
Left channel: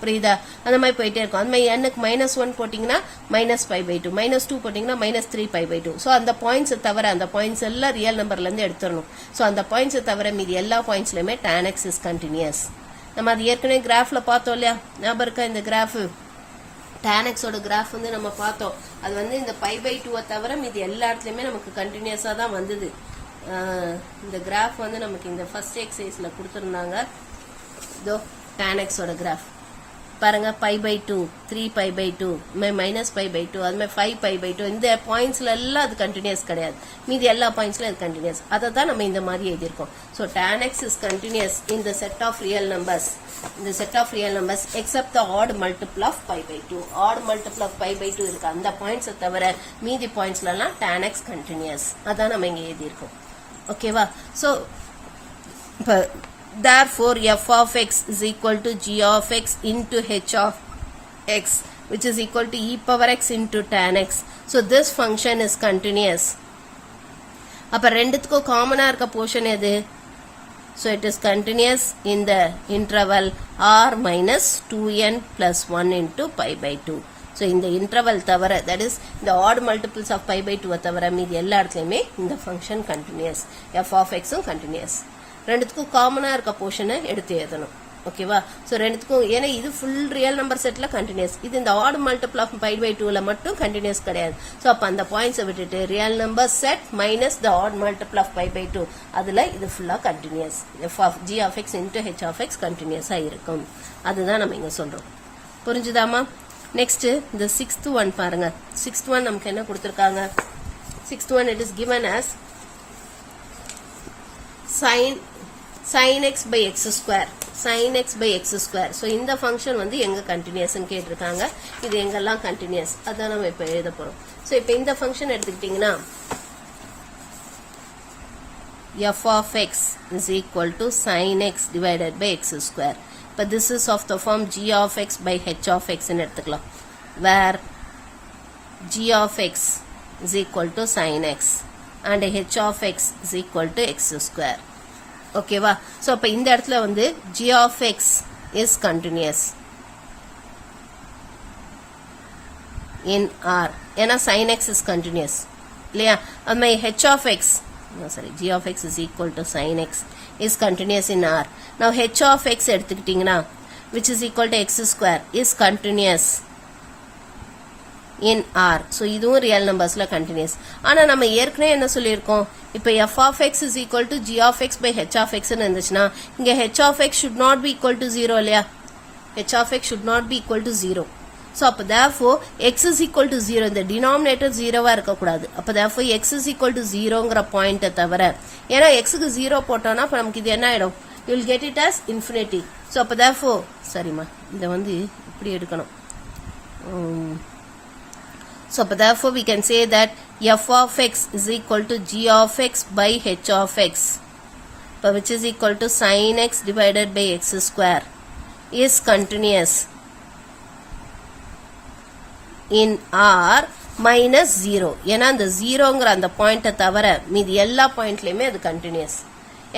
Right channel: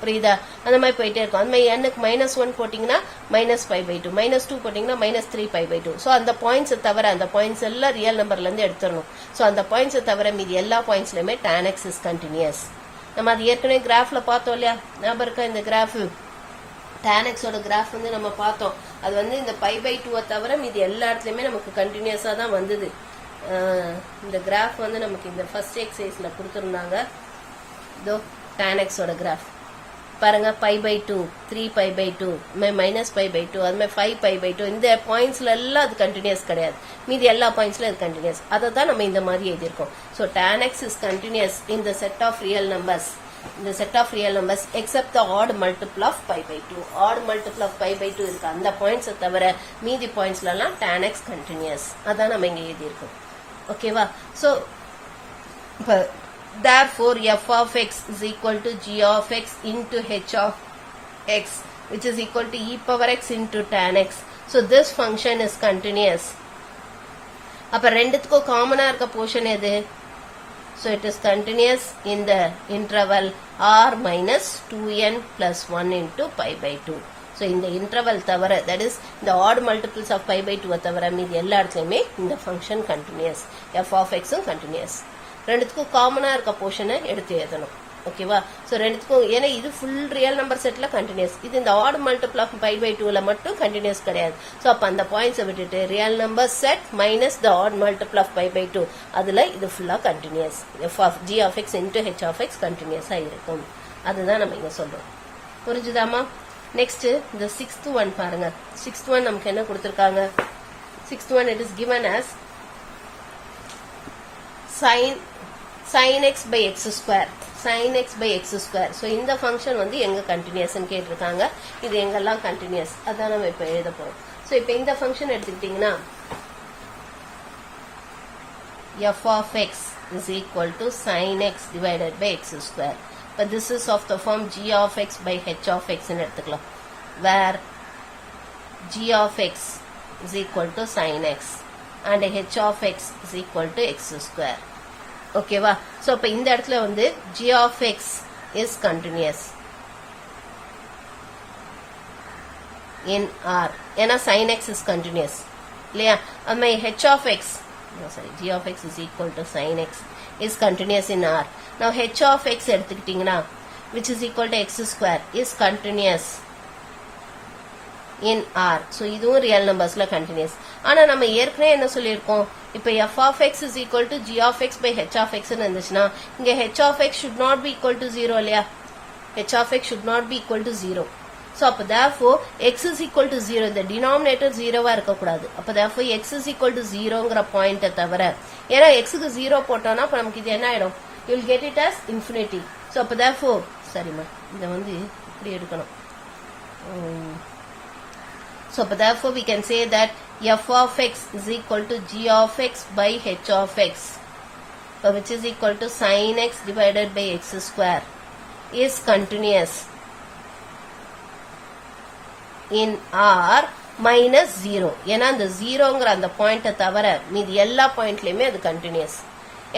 புரியுதா? அந்த மாதிரி போயிட்டே இருக்கும். அந்த மாதிரி n-க்கு -1 போட்டிங்கன்னா -π/2, -2 போட்டிங்கன்னா -3π/2. ஸோ அந்த பாயிண்ட்ஸை தவிர, அந்த பாயிண்ட்ஸ் எல்லாம் ரியல் நம்பர்லேருந்து எடுத்துடணும். ஸோ அந்த பாயிண்ட்ஸை தவிர மீதி எல்லா பாயிண்ட்ஸ்லையுமே tan x is continuous. நம்ம அது ஏற்கனவே கிராஃபில் பார்த்தோம் இல்லையா? ஞாபகம் இருக்கா? இந்த கிராஃபு tan x ஓட கிராஃப் வந்து நம்ம பார்த்தோம். அது வந்து இந்த π/2 தவிர மீதி எல்லா இடத்துலையுமே நமக்கு கண்டினியூஸாக தான் வந்தது. இந்த கிராஃப் வந்து நமக்கு இந்த ஃபர்ஸ்ட் எக்ஸசைஸில் கொடுத்துருந்தாங்க. இதோ tan x ஓட கிராஃப் பாருங்க pi by 2, 3 pi by 2, minus pi by 2, அது மாதிரி 5 pi by 2, இந்த பாயிண்ட்ஸ்ல எல்லாம் அது கண்டினியூஸ் கிடையாது, மீதி எல்லா பாயிண்ட்ஸ்ல அது கண்டினியூஸ். அதை தான் நம்ம இந்த மாதிரி எழுதியிருக்கோம். So tan x is continuous in the set of real numbers, இந்த set of real numbers except the odd multiple of pi by 2. odd multiple of pi by 2 இருக்கு, அந்த பாயிண்ட்ஸை தவிர மீதி பாயிண்ட்ஸ்ல எல்லாம் tan x continuous. அதான் நம்ம இங்க எழுதியிருக்கோம். ஓகேவா? ஸோ இப்போ therefore f of x is equal to g of x into h of x, which is equal to e power x into tan x. So this function is continuous. அப்ப ரெண்டுத்துக்கும் காமனா இருக்க போர்ஷன் எது? So it is continuous in the interval r minus 2n plus 1 into pi by 2. So இந்த interval தவிர, that is the odd multiples of pi by 2 தவிர மீதி எல்லா இடத்துலையுமே இந்த function continuous. f of x continuous. ரெண்டுத்துக்கும் காமனா இருக்க போர்ஷனை எடுத்து எழுதணும். ஓகேவா? ஸோ ரெண்டுத்துக்கும், ஏன்னா இது ஃபுல் ரியல் நம்பர் செட்ல கண்டினியூஸ், இது இந்த odd multiple of pi pi 2ல மட்டும் கண்டினியூஸ் கிடையாது. ஸோ அப்போ அந்த பாயிண்ட்ஸை விட்டுட்டு real number set minus the odd multiple of pi pi 2, அதுல இது ஃபுல்லா continuous. F of g of x into h of x கண்டினியூஸா இருக்கும். அதுதான் நம்ம இங்க சொல்றோம். புரிஞ்சுதாமா? நெக்ஸ்ட் இந்த 6th ஒன் பாருங்க. 6th ஒன் நமக்கு என்ன கொடுத்திருக்காங்க? 6th one it is given as sin x by x square, sin x by x square. So இந்த ஃபங்க்ஷன் வந்து எங்க கண்டினியூஸ் கேட்டிருக்காங்க, இது எங்கெல்லாம் கண்டினியூஸ், அதான் நம்ம இப்ப எழுத போறோம். ஸோ இப்போ இந்த ஃபங்க்ஷன் எடுத்துக்கிட்டீங்கன்னா f of x is equal to sin x divided by x square. But this is of the form g of x by h of x ன்னு எடுத்துக்கலாம், where g of x is equal to sin x and h of x is equal to x square. ஓகேவா? சோ அப்ப இந்த இடத்துல வந்து g of x is continuous in R, ஏன்னா sin x is continuous இல்லையா? அது மாதிரி h of x, no sorry, g of x is equal to sin x is continuous in R. Now h of x எடுத்துக்கிட்டீங்கன்னா which is equal to x square is continuous in R. So இதுவும் ரியல் நம்பர்ஸ்ல கண்டினியூஸ். ஆனா நம்ம ஏற்கனவே என்ன சொல்லியிருக்கோம், இப்போ f of x is equal to g of x by h of x ன்னு இருந்துச்சுன்னா இங்க h of x should not be equal to 0 இல்லையா? h of x should not be equal to 0. So அப்ப therefore x is equal to 0, இந்த denominator 0வா இருக்கக்கூடாது. அப்ப therefore x is equal to 0ங்கிற பாயிண்ட்டை தவிர, ஏன்னா xக்கு 0 போட்டோம்னா அப்ப நமக்கு இது என்ன ஆயிடும், you will get it as infinity. So அப்ப therefore, சரிமா இதை வந்து இப்படி எடுக்கணும். So therefore we can say that f of x is equal to g of x by h of x, which is equal to sin x divided by x square, is continuous in R minus 0. ஏன்னா அந்த 0ங்கிற அந்த பாயிண்ட்டை தவிர மீதி எல்லா பாயிண்ட்லயுமே அது கண்டினியூஸ்.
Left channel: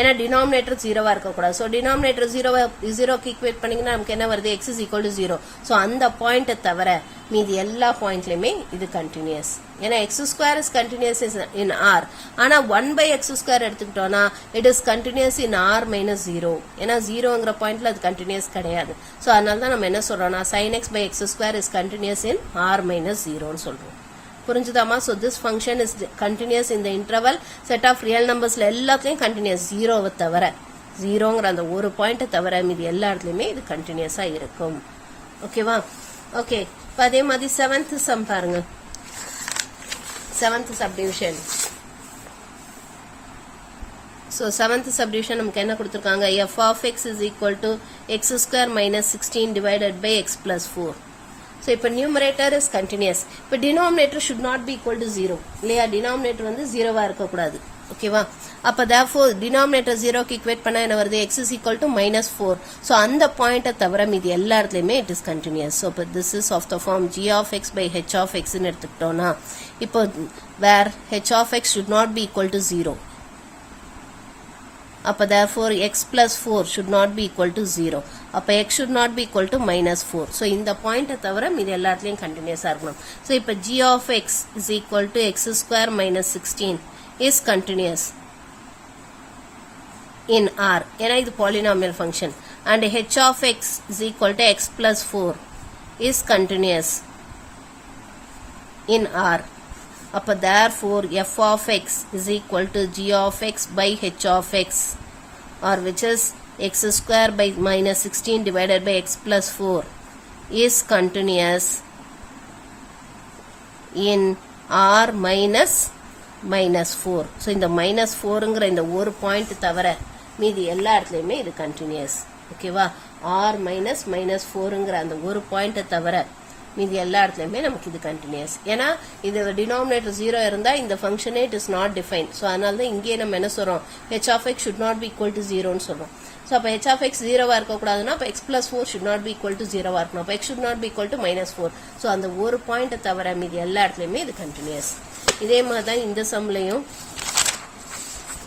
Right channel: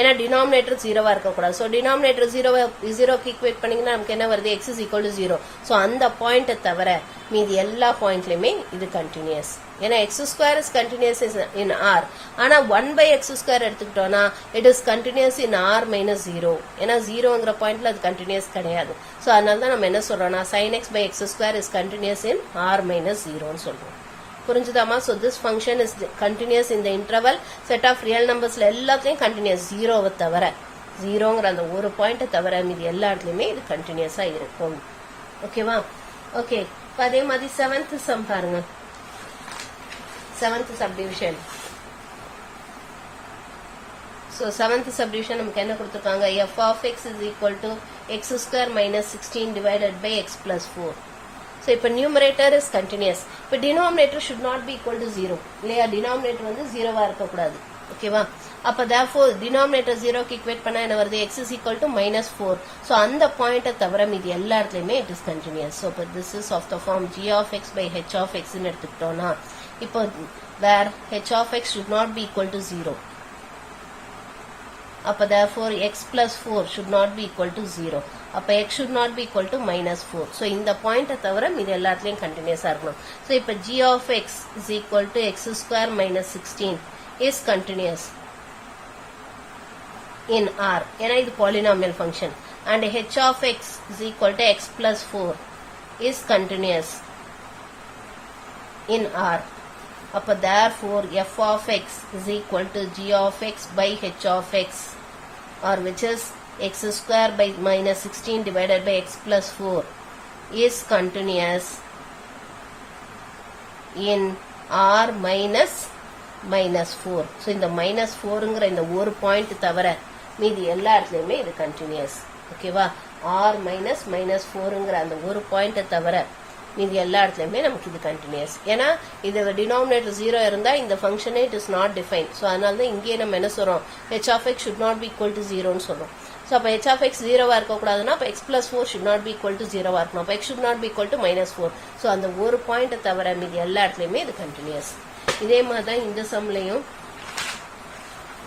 ஏன்னா டினாமினேட்டர் 0வா இருக்கக்கூடாது. ஸோ டினாமினேட்டர் 0க்கு ஈக்குவேட் பண்ணீங்கன்னா நமக்கு என்ன வருது, x is equal to 0. So அந்த பாயிண்ட்டை தவிர மீதி எல்லா பாயிண்ட்லயுமே இது கண்டினியூஸ். ஏன்னா x square is continuous in R. ஆனா 1 by x square எடுத்துக்கிட்டோம்னா it is continuous in R minus 0. ஏன்னா 0ங்கிற பாயிண்ட்ல அது கண்டினியூஸ் கிடையாது. ஸோ அதனால தான் நம்ம என்ன சொல்றோம்னா sin x by x square is continuous in R minus 0ன்னு சொல்றோம். புரிஞ்சுதாமா? So this function is continuous in the interval set of real numbersல எல்லாத்தையும் continuous, 0வை தவிர, 0ங்கிற அந்த ஒரு பாயிண்ட்டை தவிர மீதி எல்லா இடத்துலயுமே இது கண்டினியூஸா இருக்கும். ஓகேவா? ஓகே, அதே மாதிரி 7th sum பாருங்க. 7th subdivision. So 7th subdivision நமக்கு என்ன கொடுத்திருக்காங்க, f of x is equal to x square minus 16 divided by x plus 4. So இப்போ numerator is continuous. இப்போ denominator should not be equal to 0 இல்லையா? denominator வந்து 0வா இருக்கக்கூடாது. ஓகேவா? அப்ப therefore denominator 0க்கு ஈக்குவேட் பண்ணா என்ன வருது, x is equal to minus 4. So அந்த பாயிண்ட்டை தவிர மீதி எல்லா இடத்துலயுமே it is continuous. So இப்போ this is of the form g of x by h of x ன்னு எடுத்துக்கிட்டோம்னா இப்போ where h of x should not be equal to 0. அப்ப therefore x plus 4 should not be equal to 0. அப்ப x should not be equal to minus 4. So இந்த பாயிண்ட்டை தவிர மீதி எல்லாத்துலயும் கண்டினியூஸா இருக்கணும். So இப்ப g of x is equal to x square minus 16 is continuous in R. ஏன்னா இது polynomial function. And h of x is equal to x plus 4 is continuous in R. அப்ப therefore f of x is equal to g of x by h of x, or which is x square by minus 16 divided by x plus 4 is continuous in r minus minus 4. So இந்த minus 4ங்கிற இந்த ஒரு பாயிண்ட் தவிர மீதி எல்லா இடத்துலையுமே இது கண்டினியூஸ். ஓகேவா? r minus minus 4ங்கிற அந்த ஒரு பாயிண்ட் தவிர மீதி எல்லா இடத்துலையுமே நமக்கு இது கண்டினியூஸ். ஏன்னா இதோட டினாமினேட்டர் 0 இருந்தா இந்த ஃபங்க்ஷனே it is not define. So அதனால தான் இங்கேயே நம்ம என்ன சொல்றோம், h of x should not be equal to 0ன்னு சொல்றோம். ஸோ அப்போ h of x 0வா இருக்கக்கூடாதுன்னா அப்போ x plus 4 should not be equal to 0வா இருக்கணும். அப்போ x should not be equal to minus 4. So அந்த ஒரு பாயிண்ட் தவிர மீதி எல்லா இடத்துலையுமே இது கண்டினியூஸ். இதே மாதிரி தான் இந்த சம்லையும்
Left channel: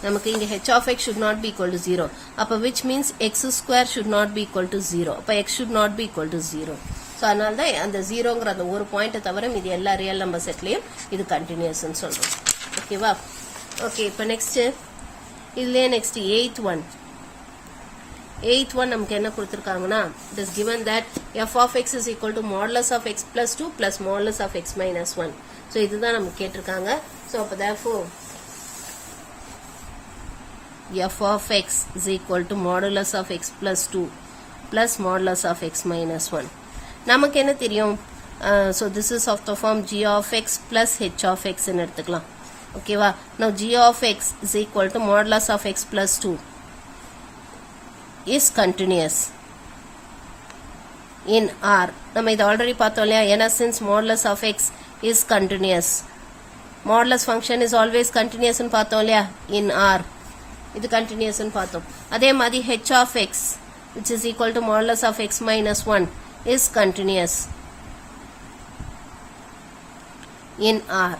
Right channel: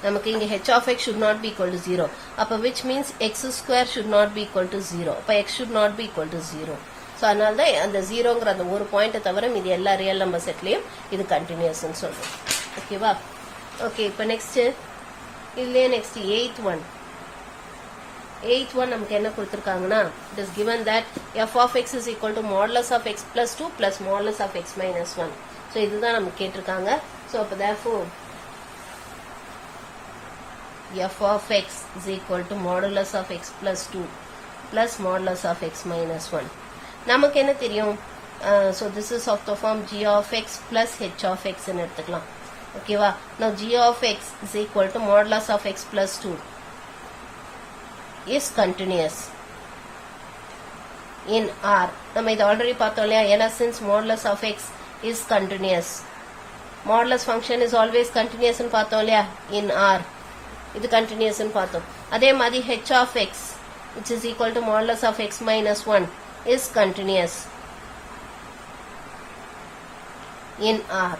நமக்கு இங்க h of x should not be equal to 0. அப்போ which means x square should not be equal to 0. அப்போ x should not be equal to 0. So அதனால தான் அந்த 0ங்கிற அந்த ஒரு பாயிண்ட்டை தவிர மீதி எல்லா ரியல் நம்பர் செட்லையும் இது கண்டினியூஸ்ன்னு சொல்றோம். ஓகேவா? ஓகே, இப்போ நெக்ஸ்ட் இதுலயே நெக்ஸ்ட் எய்த் ஒன் நமக்கு என்ன கொடுத்துருக்காங்கன்னா, it is given that f of x is equal to modulus of x plus 2 plus modulus of x minus 1. So இதுதான் நமக்கு கேட்டிருக்காங்க. ஸோ அப்போ therefore f of x is equal to modulus of x plus 2 plus modulus of x minus 1. நமக்கு என்ன தெரியும்? So this is of the form g of x plus h of x ன்னு எடுத்துக்கலாம். ஓகேவா? Now g of x is equal to modulus of x plus 2 is continuous in R. நம்ம இது ஆல்ரெடி பார்த்தோம் இல்லையா? ஏன்னா since modulus of x is continuous, modulus function is always continuous ன்னு பார்த்தோம் இல்லையா? in R இது continuous ன்னு பார்த்தோம். அதே மாதிரி h of x which is equal to modulus of x minus 1 is continuous in R.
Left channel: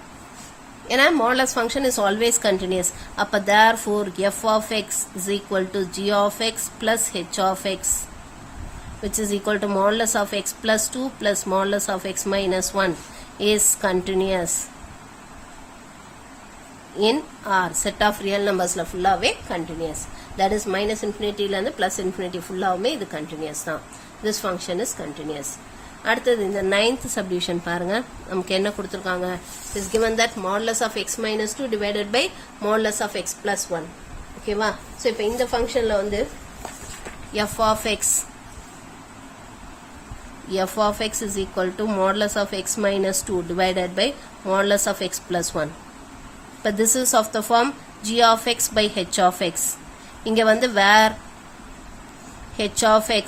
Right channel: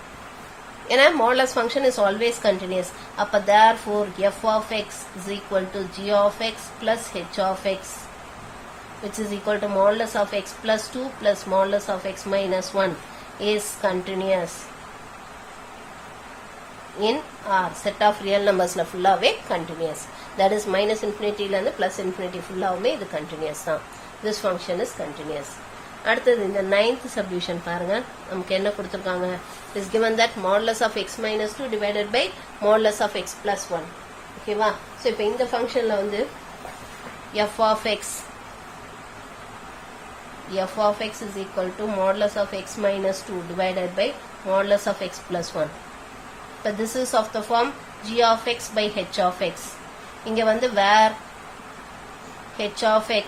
ஏன்னா modulus function is always continuous. அப்ப therefore f of x is equal to g of x plus h of x which is equal to modulus of x plus 2 plus modulus of x minus 1 is continuous in R. Set of real numbersல ஃபுல்லாவே continuous. That is minus infinity ல இருந்து plus infinity ஃபுல்லாவே இது continuous தான். This function is continuous. அடுத்தது இந்த 9th subdivision பாருங்க. நமக்கு என்ன கொடுத்திருக்காங்க? is given that modulus of x minus 2 divided by modulus of x plus 1. ஓகேவா? ஸோ இப்போ இந்த ஃபங்க்ஷன்ல வந்து f of x is equal to modulus of x minus 2 divided by modulus of x plus 1. இப்போ this is of the form g of x by h of x. இங்க வந்து where h of x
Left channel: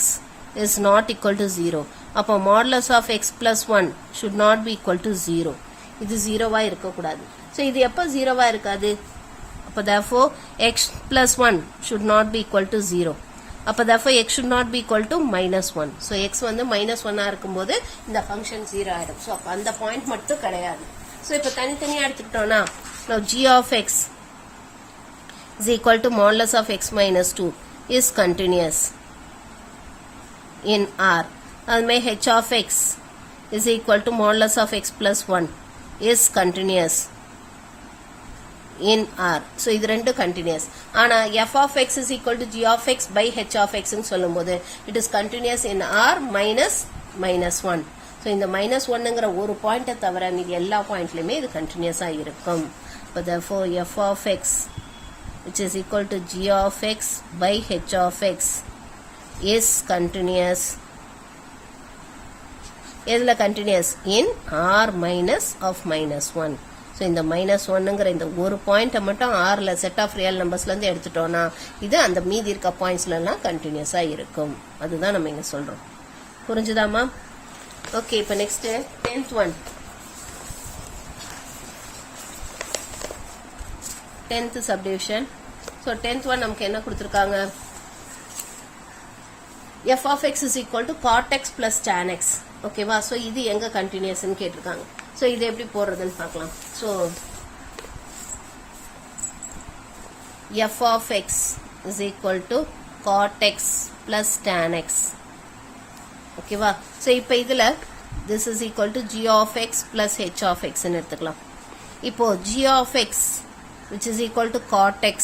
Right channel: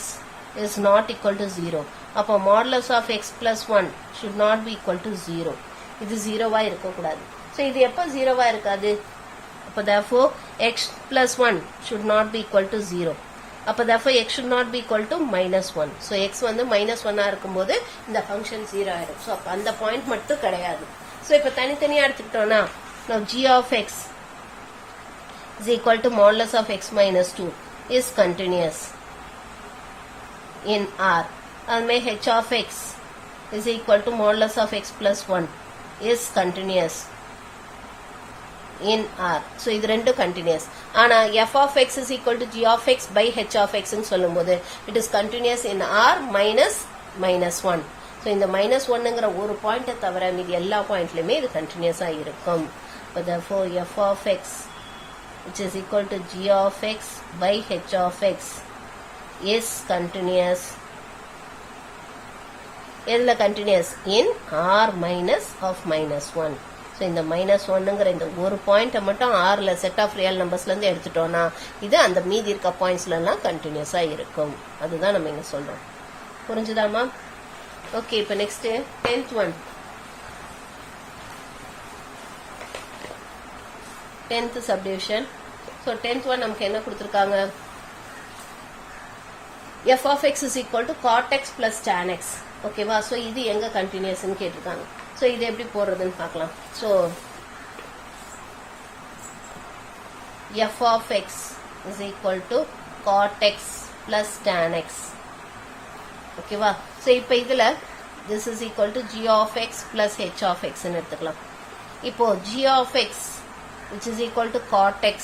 is not equal to 0. அப்போ modulus of x plus 1 should not be equal to 0. இது 0வா இருக்கக்கூடாது. ஸோ இது எப்போ 0வா இருக்காது? அப்போ therefore x plus 1 should not be equal to 0. அப்போ therefore x should not be equal to minus 1. So x வந்து minus 1ஆ இருக்கும்போது இந்த ஃபங்க்ஷன் 0 ஆயிடும். ஸோ அப்போ அந்த பாயிண்ட் மட்டும் கிடையாது. ஸோ இப்போ தனித்தனியாக எடுத்துக்கிட்டோம்னா now g of x is equal to modulus of x minus 2 is continuous in R. அதுமே h of x is equal to modulus of x plus 1 is continuous in R. So இது ரெண்டு continuous. ஆனா f of x is equal to g of x by h of x ன்னு சொல்லும்போது it is continuous in R minus minus 1. So இந்த minus 1ங்கிற ஒரு பாயிண்ட்டை தவிர மீதி எல்லா பாயிண்ட்லையுமே இது கண்டினியூஸா இருக்கும். But therefore f of x which is equal to g of x by h of x is continuous. எதுல continuous? in R minus of minus 1. So இந்த minus 1ங்கிற இந்த ஒரு பாயிண்ட்டை மட்டும் Rல செட் ஆஃப் ரியல் நம்பர்ஸ்லேருந்து எடுத்துட்டோம்னா இது அந்த மீதி இருக்க பாயிண்ட்ஸ்லாம் கண்டினியூஸாக இருக்கும். அதுதான் நம்ம இங்கே சொல்கிறோம். புரிஞ்சுதாமா? ஓகே, இப்போ next 10th one. 10th subdivision. So 10th one நமக்கு என்ன கொடுத்துருக்காங்க? f of x is equal to cot x plus tan x. ஓகேவா? ஸோ இது எங்க கண்டினியூஸ்ன்னு கேட்டிருக்காங்க. ஸோ இது எப்படி போடுறதுன்னு பார்க்கலாம். So f of x is equal to cot x plus tan x. ஓகேவா? ஸோ இப்போ இதில் this is equal to g of x plus h of x ன்னு எடுத்துக்கலாம். இப்போ g of x which is equal to cot x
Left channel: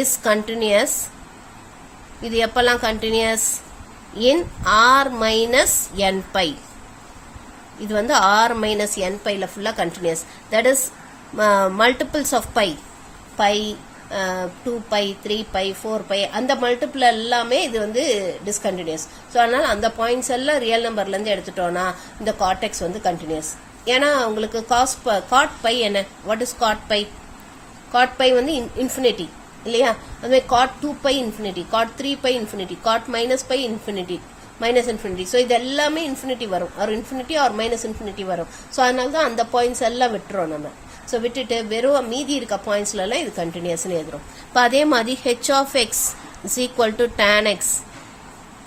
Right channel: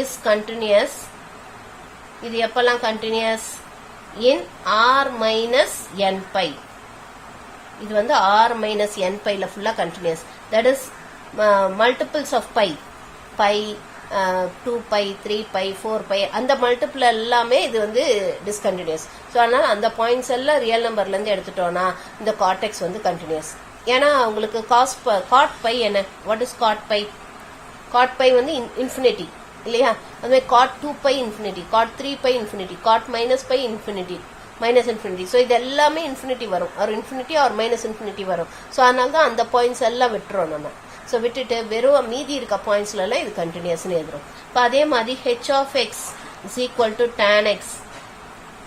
is continuous. இது எப்பெல்லாம் continuous? in r minus n pi. இது வந்து r minus n pi ல ஃபுல்லா continuous. That is multiples of pi. pi, 2 pi 3 pi 4 pi அந்த மல்டிபிள் எல்லாமே இது வந்து டிஸ்கண்டினியூஸ். ஸோ அதனால அந்த பாயிண்ட்ஸ் எல்லாம் ரியல் நம்பர்லேருந்து எடுத்துட்டோம்னா இந்த காட்டெக்ஸ் வந்து கண்டினியூஸ். ஏன்னா உங்களுக்கு காட் பை என்ன, what is cot pi? Cot pi வந்து இன்ஃபினிட்டி இல்லையா? அதுமாதிரி cot 2 pi infinity, cot 3 pi infinity, cot minus pi infinity, minus infinity. So இது எல்லாமே இன்ஃபினிட்டி வரும், ஒரு இன்ஃபினிட்டி ஆர் மைனஸ் இன்ஃபினிட்டி வரும். ஸோ அதனால தான் அந்த பாயிண்ட்ஸ் எல்லாம் விட்டுறோம் நம்ம. ஸோ விட்டுட்டு வெறும் மீதி இருக்க பாயிண்ட்ஸ்லாம் இது கண்டினியூஸ்னு எழுதுறோம். இப்போ அதே மாதிரி h of x is equal to tan x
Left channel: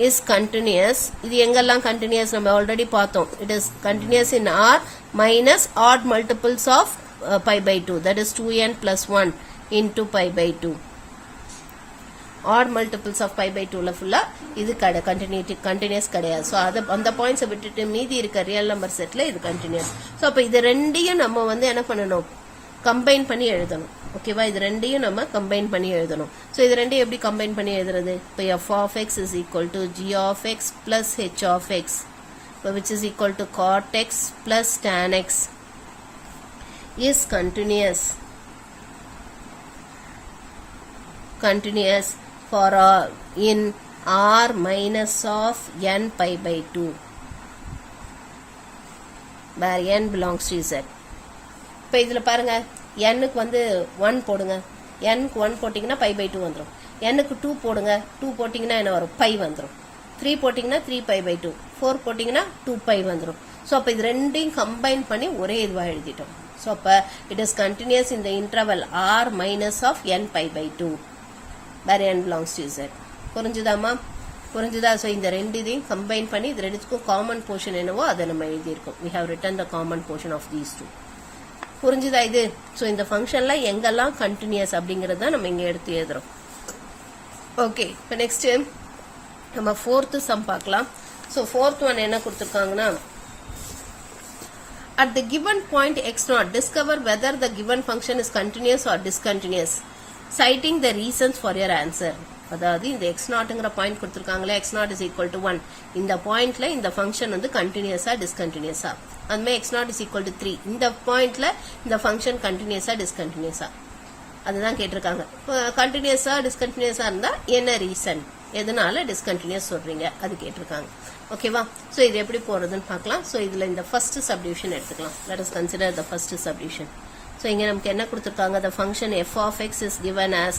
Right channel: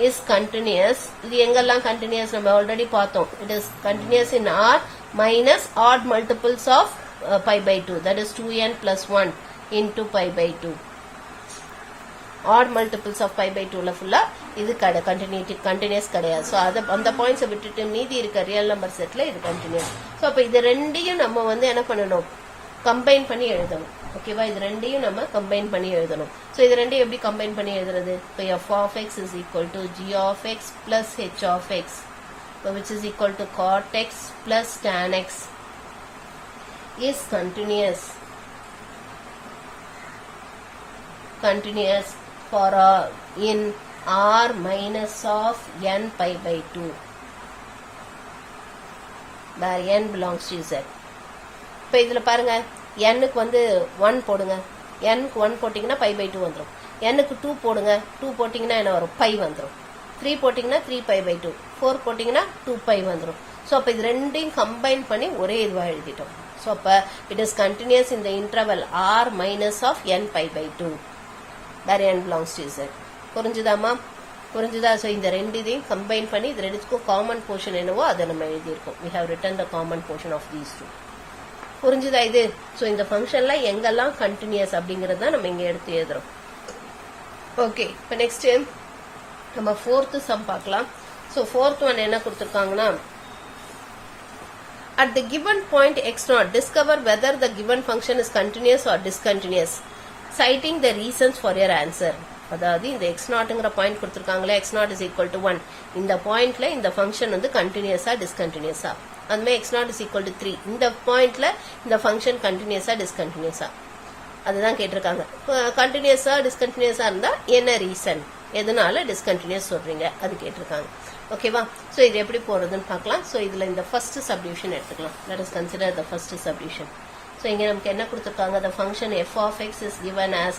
is continuous. இது எங்கெல்லாம் கண்டினியூஸ் நம்ம ஆல்ரெடி பார்த்தோம். It is continuous in R minus odd multiples of pi by 2, that is 2n plus 1 into pi by 2. Odd multiples of pi by 2 full இது continuous கிடையாது. ஸோ அந்த பாயிண்ட்ஸை விட்டுட்டு மீதி இருக்க ரியல் நம்பர் செட்டில் இது கண்டினியூஸ். ஸோ அப்போ இது ரெண்டையும் நம்ம வந்து என்ன பண்ணணும், கம்பைன் பண்ணி எழுதணும். ஓகேவா? இது ரெண்டையும் நம்ம கம்பைன் பண்ணி எழுதணும். ஸோ இது ரெண்டையும் எப்படி கம்பைன் பண்ணி எழுதுறது? இப்போ f of x is equal to g of x plus h of x, which is equal to cot x plus tan x is continuous for in r minus of n pi by 2 where n belongs to z. இப்போ இதில் பாருங்க, n-க்கு வந்து 1 போடுங்க, n-க்கு 1 போட்டிங்கன்னா pi by 2 வந்துடும். n-க்கு 2 போடுங்க, 2 போட்டிங்கன்னா என்ன வரும், pi வந்துடும். 3 போட்டிங்கன்னா 3 pi by 2, 4 போட்டிங்கன்னா 2 pi வந்துடும். ஸோ அப்போ இது ரெண்டையும் கம்பைன் பண்ணி ஒரே இதுவாக எழுதிட்டோம். ஸோ அப்போ இட் இஸ் கண்டினியூஸ் இந்த interval r minus of n pi by 2 where n belongs to z. புரிஞ்சுதாமா? புரிஞ்சுதா? ஸோ இந்த ரெண்டு இதையும் கம்பைன் பண்ணி இது ரெண்டுக்கும் காமன் போர்ஷன் என்னவோ அதை நம்ம எழுதியிருக்கோம். we have written the common portion of these two. புரிஞ்சுதா இது? ஸோ இந்த ஃபங்க்ஷன்ல எங்கெல்லாம் கண்டினியூஸ் அப்படிங்கறத நம்ம இங்க எடுத்து எழுதுறோம். ஓகே, இப்போ நெக்ஸ்ட் நம்ம ஃபோர்த் சம் பார்க்கலாம். ஸோ ஃபோர்த் ஒன் என்ன கொடுத்துருக்காங்கன்னா, at the given point x0 discover whether the given function is continuous or discontinuous, citing the reasons for your answer. அதாவது இந்த x0ங்கிற point கொடுத்துருக்காங்களே, x0 is equal to 1, இந்த பாயிண்ட்ல இந்த ஃபங்க்ஷன் வந்து கண்டினியூஸா டிஸ்கண்டினியூஸா, அதுமாதிரி x0 is equal to 3, இந்த பாயிண்ட்ல இந்த ஃபங்க்ஷன் கண்டினியூஸா டிஸ்கண்டினியூஸா, அதுதான் கேட்டிருக்காங்க. கண்டினியூஸா டிஸ்கண்டினியூஸா இருந்தா என்ன ரீசன், எதனால டிஸ்கண்டினியூஸ் சொல்றீங்க, அது கேட்டிருக்காங்க. ஓகேவா? ஸோ இது எப்படி போறதுன்னு பார்க்கலாம். ஸோ இதுல இந்த ஃபர்ஸ்ட் சப்டிவிஷன் எடுத்துக்கலாம். Let us consider the first subdivision. So இங்க நமக்கு என்ன கொடுத்துருக்காங்க, the function f of x is given as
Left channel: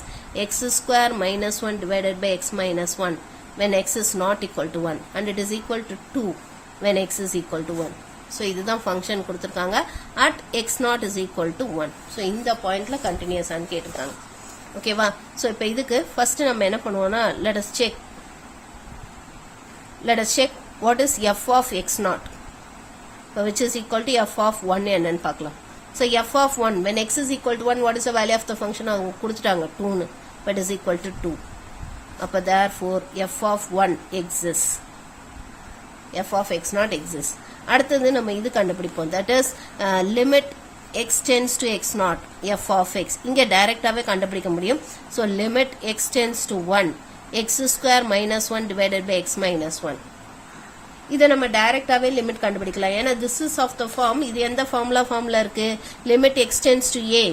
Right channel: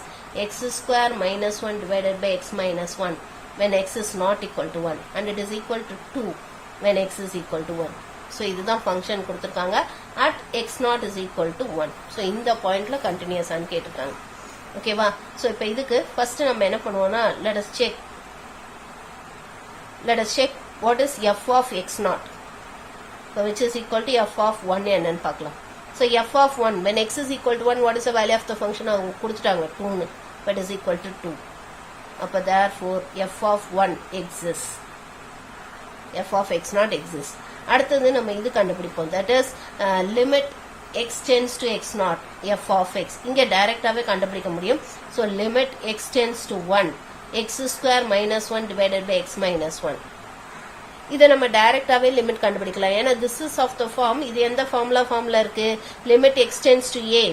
x square minus 1 divided by x minus 1 when x is not equal to 1 and it is equal to 2 when x is equal to 1. So இதுதான் ஃபங்க்ஷன் கொடுத்துருக்காங்க at x0 is equal to 1. So இந்த பாயிண்ட்ல கண்டினியூஸான்னு கேட்டிருக்காங்க. ஓகேவா? ஸோ இப்போ இதுக்கு ஃபர்ஸ்ட் நம்ம என்ன பண்ணுவோம்னா, let us check what is f of x0, which is equal to f of 1 என்னன்னு பார்க்கலாம். So f of 1 when x is equal to 1, what is the value of the function? அவங்க கொடுத்துட்டாங்க 2, but is equal to 2. அப்ப therefore f of 1 exists, f of x0 exists. அடுத்தது நம்ம இது கண்டுபிடிப்போம், that is limit x tends to x0 f of x. இங்க டைரக்டாவே கண்டுபிடிக்க முடியும். So limit x tends to 1 x square minus 1 divided by x minus 1. இதை நம்ம டைரக்டாவே லிமிட் கண்டுபிடிக்கலாம். ஏன்னா this is of the form, இது எந்த ஃபார்முலா இருக்கு, limit x tends to a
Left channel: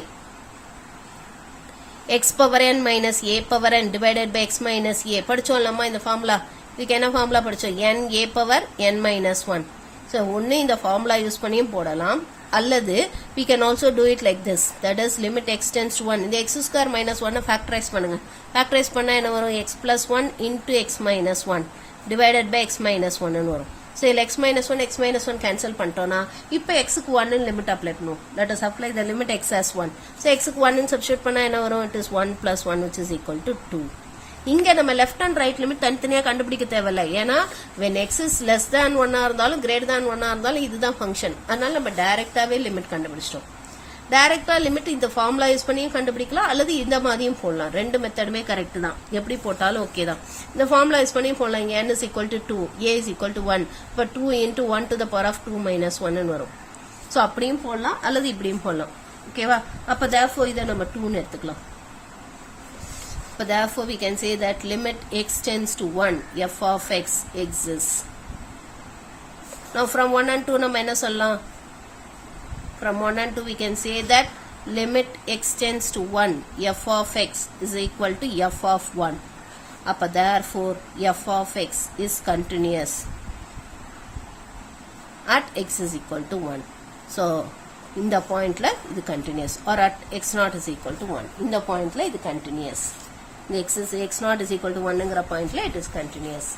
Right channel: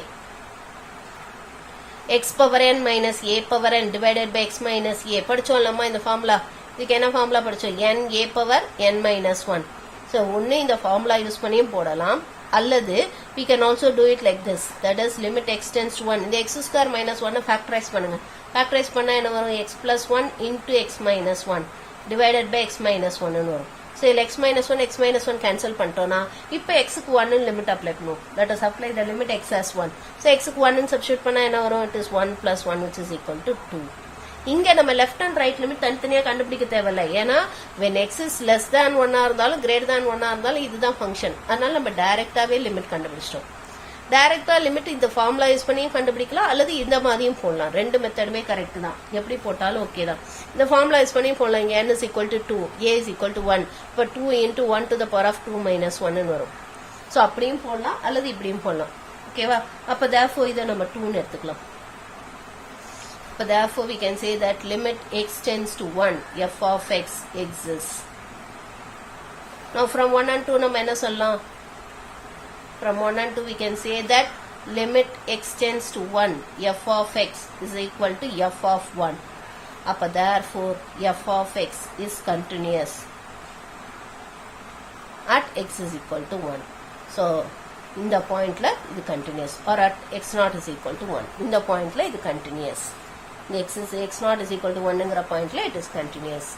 x power n minus a power n divided by x minus a. படிச்சோம் நம்ம இந்த ஃபார்முலா. இதுக்கு என்ன ஃபார்முலா படிச்சோம், n a power n minus 1. So ஒன்று இந்த ஃபார்முலா யூஸ் பண்ணியும் போடலாம், அல்லது we can also do it like this, that is limit x tends to 1. இந்த x square minus 1 ஃபேக்டரைஸ் பண்ணுங்க. ஃபேக்டரைஸ் பண்ணா என்ன வரும், x plus 1 into x minus 1 divided by x minus 1 ன்னு வரும். ஸோ இதில் x minus 1 கேன்சல் பண்ணிட்டோம்னா இப்போ xக்கு 1 லிமிட் அப்ளை பண்ணுவோம். let us apply the limit x as 1. So xக்கு 1 சப்ஸ்டியூட் பண்ணா என்ன வரும், it is 1 plus 1 which is equal to 2. இங்க நம்ம லெஃப்ட் அண்ட் ரைட் லிமிட் தனித்தனியா கண்டுபிடிக்க தேவையில்லை. ஏன்னா when x is less than 1 இருந்தாலும் greater than 1 இருந்தாலும் இதுதான் ஃபங்க்ஷன். அதனால நம்ம டைரக்டாவே லிமிட் கண்டுபிடிச்சிட்டோம். டைரக்டா லிமிட் இந்த ஃபார்முலா யூஸ் பண்ணியும் கண்டுபிடிக்கலாம், அல்லது இந்த மாதிரியும் போடலாம். ரெண்டு மெத்தடுமே கரெக்ட் தான், எப்படி போட்டாலும் ஓகே தான். இந்த ஃபார்முலா யூஸ் பண்ணியும் போடலாம். இங்க n is equal to 2, a is equal to 1, இப்போ 2 into 1 to the power of 2 minus 1 ன்னு வரும். ஸோ அப்படியும் போடலாம், அல்லது இப்படியும் போடலாம். ஓகேவா? அப்போ therefore இதை நம்ம 2ன்னு எடுத்துக்கலாம். So therefore we can say that limit x tends to 1 f of x exists. Now from 1 and 2 நம்ம என்ன சொல்லலாம், from 1 and 2 we can say that limit x tends to 1 f of x is equal to f of 1. அப்ப therefore f of x is continuous at x is equal to 1. So இந்த பாயிண்ட்ல இது continuous or at x naught is equal to 1. இந்த பாயிண்ட்ல இது continuous. x naught is equal to 1 ங்கற பாயிண்ட்ல it is continuous.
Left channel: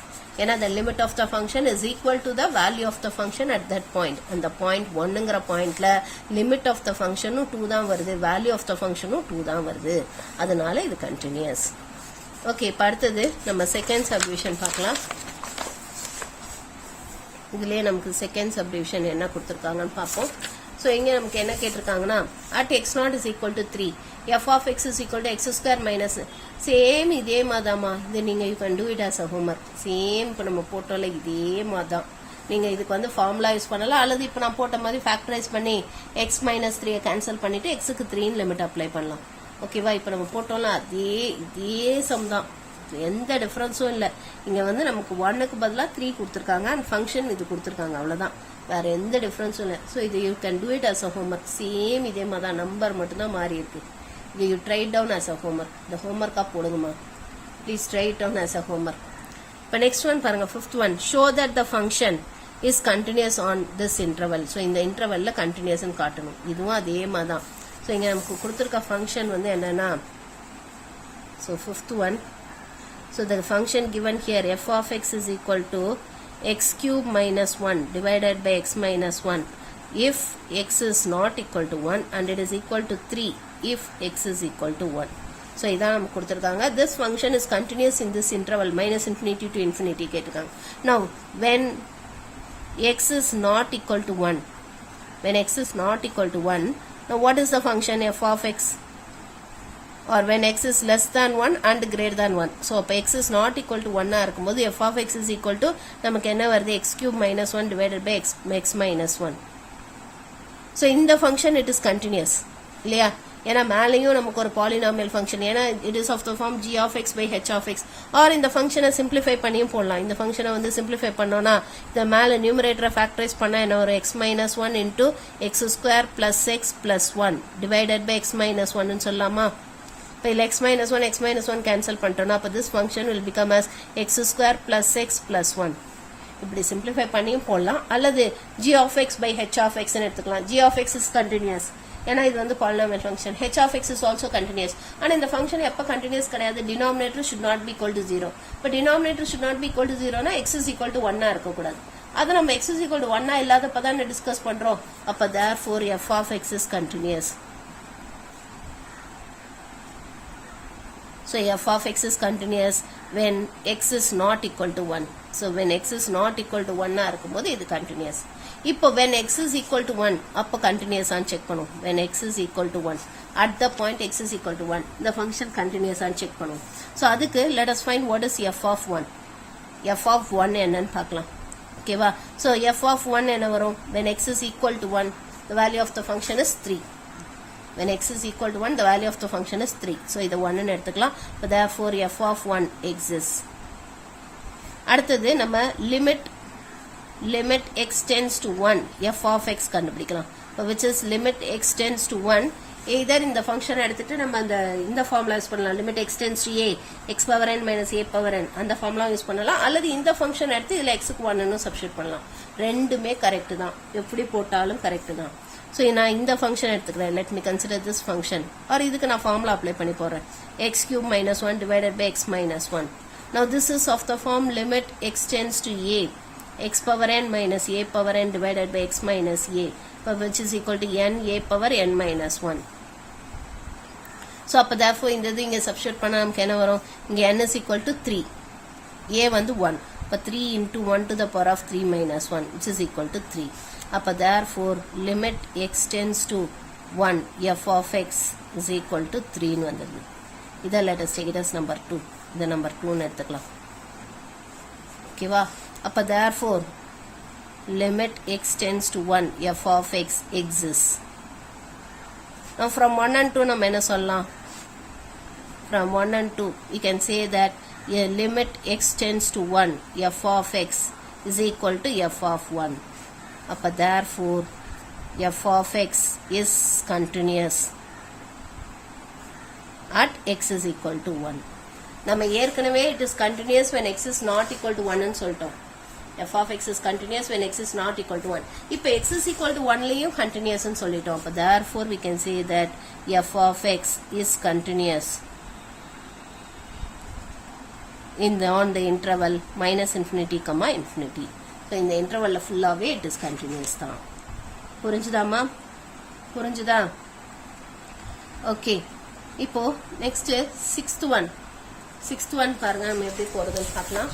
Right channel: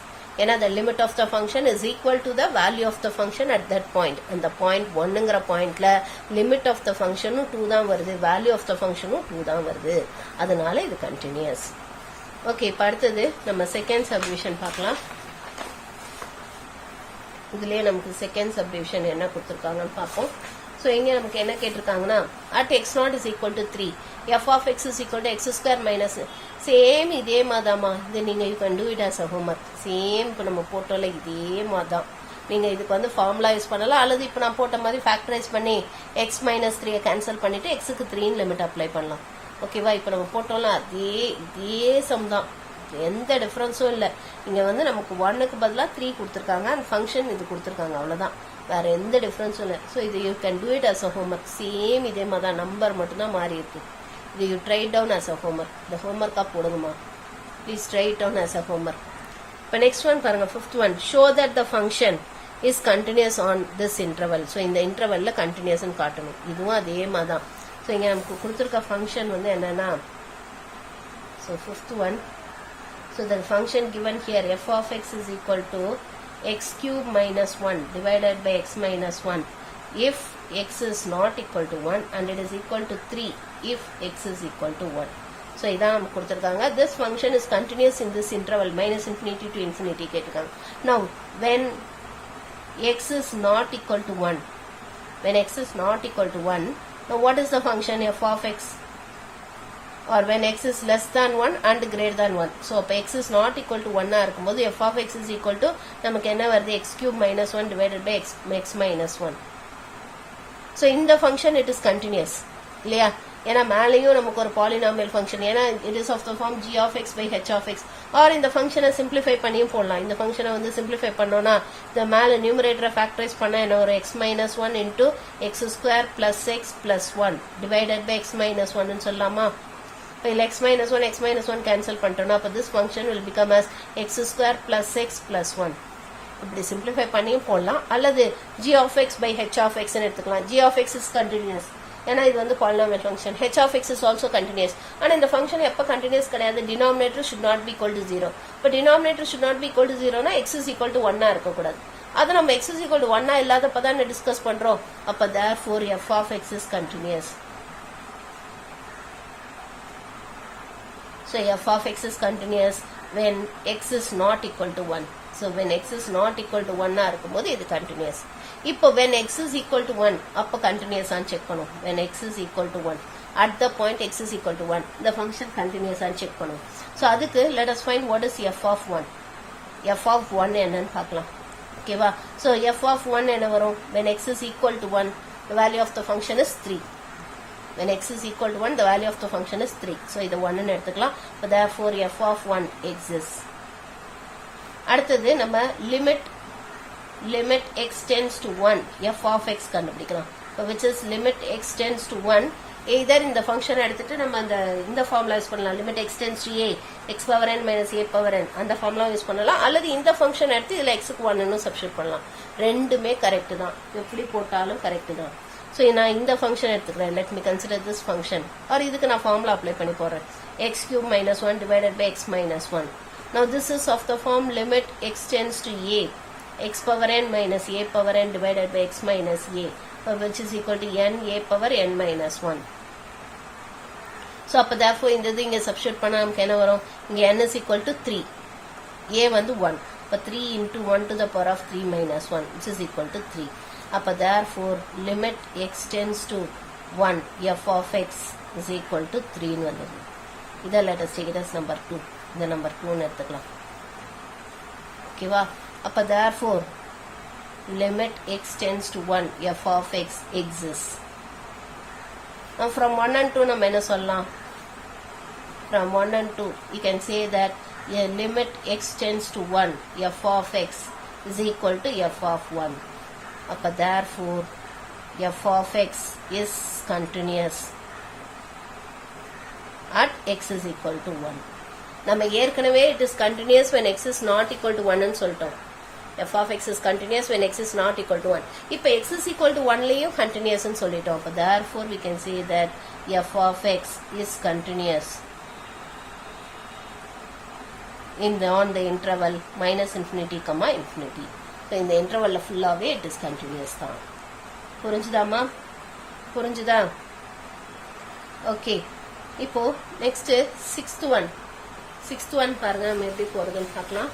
ஏன்னா the limit of the function is equal to the value of the function at that point. அந்த point 1 ங்கற பாயிண்ட்ல limit of the function 2 தான் வருது, value of the function 2 தான் வருது. அதனால இது continuous. ஓகே, இப்ப அடுத்தது நம்ம செகண்ட் சப்டிவிஷன் பார்க்கலாம். இதுலயே நமக்கு செகண்ட் சப்டிவிஷன் என்ன கொடுத்திருக்காங்கன்னு பார்ப்போம். சோ இங்க நமக்கு என்ன கேட்டிருக்காங்கன்னா at x naught is equal to 3 f of x is equal to x square minus same இதே மாதாமா. இது நீங்க you can do it as a homework. Same இப்ப நம்ம போட்டோல இதே மாதான். நீங்க இதுக்கு வந்து ஃபார்முலா யூஸ் பண்ணலாம், அல்லது இப்ப நான் போட்ட மாதிரி ஃபேக்டரைஸ் பண்ணி x minus 3 கேன்சல் பண்ணிட்டு x க்கு 3 ன்னு லிமிட் அப்ளை பண்ணலாம். ஓகேவா? இப்ப நம்ம போட்டோம்ல இதே சம் தான், எந்த டிஃபரன்ஸும் இல்ல. இங்க வந்து நமக்கு 1 க்கு பதிலா 3 கொடுத்திருக்காங்க and ஃபங்க்ஷன் இது கொடுத்திருக்காங்க, அவ்வளவுதான். வேற எந்த டிஃபரன்ஸும் இல்ல. சோ இது you can do it as a homework. Same இதே மாதிரி தான், நம்பர் மட்டும் தான் மாறி இருக்கு. இது you try it down as a homework. the homework ah போடுங்கமா. Please try it down as a homework. இப்ப next one பாருங்க, fifth one. Show that the function is continuous on this interval. so இந்த இன்டர்வல்ல continuous ன்னு காட்டணும். இதுவும் அதே மாதிரி தான். so இங்க நமக்கு கொடுத்திருக்க ஃபங்க்ஷன் வந்து என்னன்னா, so fifth one. so the function given here f of x is equal to x cube minus 1 divided by x minus 1 if x is not equal to 1 and it is equal to 3 if x is equal to 1. so இதான் நமக்கு கொடுத்திருக்காங்க. this function is continuous in this interval minus infinity to infinity கேட்டிருக்காங்க. now when x is not equal to 1, when x is not equal to 1, now what is the function f of x? or when x is less than 1 and greater than 1. so அப்ப x is not equal to 1 இருக்கும்போது f of x is equal to நமக்கு என்ன வருது, x cube minus 1 divided by x minus 1. so இந்த function it is continuous இல்லையா? ஏன்னா மேலேயும் நமக்கு ஒரு பாலினாமியல் ஃபங்க்ஷன், ஏன்னா it is of the form g of x by h of x. or இந்த ஃபங்க்ஷனை சிம்பிளிஃபை பண்ணியும் போடலாம். இந்த ஃபங்க்ஷனை வந்து சிம்பிளிஃபை பண்ணோம்னா இந்த மேலே நியூமரேட்டரை ஃபேக்டரைஸ் பண்ணா என்ன ஒரு x minus 1 into x square plus x plus 1 divided by x minus 1 ன்னு சொல்லலாமா? இப்போ x minus 1 கேன்சல் பண்ணிட்டோம்னா அப்போ this function will become as x square plus x plus 1. இப்படி சிம்பிளிஃபை பண்ணியும் போடலாம், அல்லது g of x by h of x ன்னு எடுத்துக்கலாம். g of x is continuous ஏன்னா இது வந்து polynomial function. h of x is also continuous. ஆனா இந்த ஃபங்க்ஷன் எப்ப கண்டினியூஸ் கிடையாது, denominator should not be equal to 0. இப்போ denominator should not be equal to 0 னா x is equal to 1 இருக்க கூடாது. அது நம்ம x is equal to 1 இல்லாதப்ப தான் டிஸ்கஸ் பண்றோம். அப்ப therefore f of x is continuous. so f of x is continuous when x is not equal to 1. so when x is not equal to 1 இருக்கும்போது இது continuous. இப்போ when x is equal to 1 அப்ப continuous ஆன்னு செக் பண்ணும். when x is equal to 1 at the point x is equal to 1 the function continuous ஆன்னு செக் பண்ணும். so அதுக்கு let us find what is f of 1. f of 1 என்னன்னு பார்க்கலாம். ஓகேவா? so f of 1 என்ன வரும், when x is equal to 1 the value of the function is 3. when x is equal to 1 the value of the function is 3. so இது 1 ன்னு எடுத்துக்கலாம். therefore f of 1 exists. அடுத்தது நம்ம limit x tends to 1 f of x கண்டுபிடிக்கலாம். which is limit x tends to 1. either இந்த ஃபங்க்ஷன் எடுத்துட்டு நம்ம இந்த ஃபார்முலா யூஸ் பண்ணலாம், limit x tends to a x power n minus a power n அந்த ஃபார்முலா யூஸ் பண்ணலாம், அல்லது இந்த ஃபங்க்ஷன் எடுத்து இதுல x க்கு 1 ன்னு சப்ஸ்டிட்யூட் பண்ணலாம். ரெண்டுமே கரெக்ட் தான், எப்படி போட்டாலும் கரெக்ட் தான். so நான் இந்த ஃபங்க்ஷன் எடுத்துக்கிறேன். let me consider this function. or இதுக்கு நான் ஃபார்முலா அப்ளை பண்ணி போறேன். x cube minus 1 divided by x minus 1. now this is of the form limit x tends to a x power n minus a power n divided by x minus a, which is equal to n a power n minus 1. so அப்ப therefore இந்த இது இங்க சப்ஸ்டிட்யூட் பண்ணா நமக்கு என்ன வரும், இங்க n is equal to 3, a வந்து 1, அப்ப 3 into 1 to the power of 3 minus 1 which is equal to 3. அப்ப therefore limit x tends to 1 f of x is equal to 3 ன்னு வந்தது. இதை let us take it as number 2. இதை number 2 ன்னு எடுத்துக்கலாம். ஓகேவா? அப்ப therefore limit x tends to 1 f of x exists. now from 1 and 2 நம்ம என்ன சொல்லலாம், from 1 and 2 we can say that a limit x tends to 1 f of x is equal to f of 1. அப்ப therefore f of x is continuous at x is equal to 1. நம்ம ஏற்கனவே it is continuous when x is not equal to 1 ன்னு சொல்லிட்டோம். f of x is continuous when x is not equal to 1. இப்போ x is equal to 1 லையும் continuous ன்னு சொல்லிட்டோம். அப்ப therefore we can say that f of x is continuous on the interval minus infinity comma infinity. So இந்த interval ஃபுல்லாவே it is continuous தான். புரிஞ்சுதாமா? புரிஞ்சுதா? ஓகே. இப்போ next sixth one பாருங்க நம்ம எப்படி போறதுன்னு பார்க்கலாம்.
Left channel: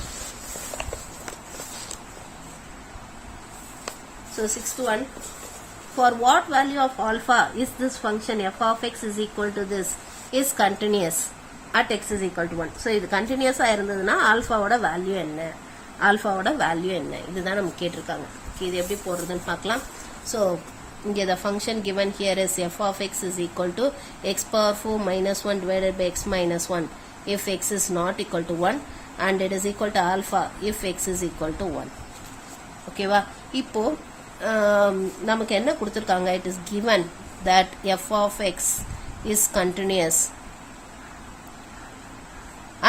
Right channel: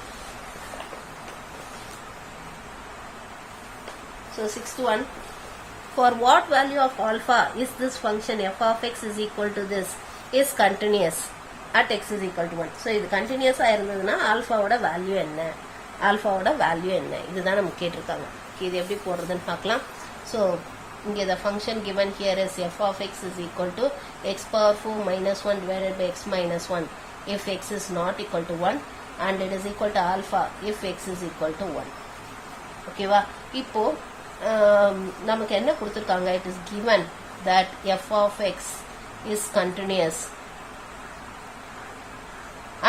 So sixth one, for what value of alpha is this function f of x is equal to this is continuous at x is equal to 1. So இது continuous இருந்ததுன்னா ஆல்பாவோட வேல்யூ என்ன, இதுதான் நம்ம கேட்டிருக்காங்க. இது எப்படி போடுறதுன்னு பார்க்கலாம். So இங்கே the function given here is f of x is equal to x power 4 minus 1 divided by x minus 1 if x is not equal to 1 and it is equal to alpha if x is equal to 1. ஓகேவா? இப்போ நமக்கு என்ன கொடுத்திருக்காங்க, it is given that f of x is continuous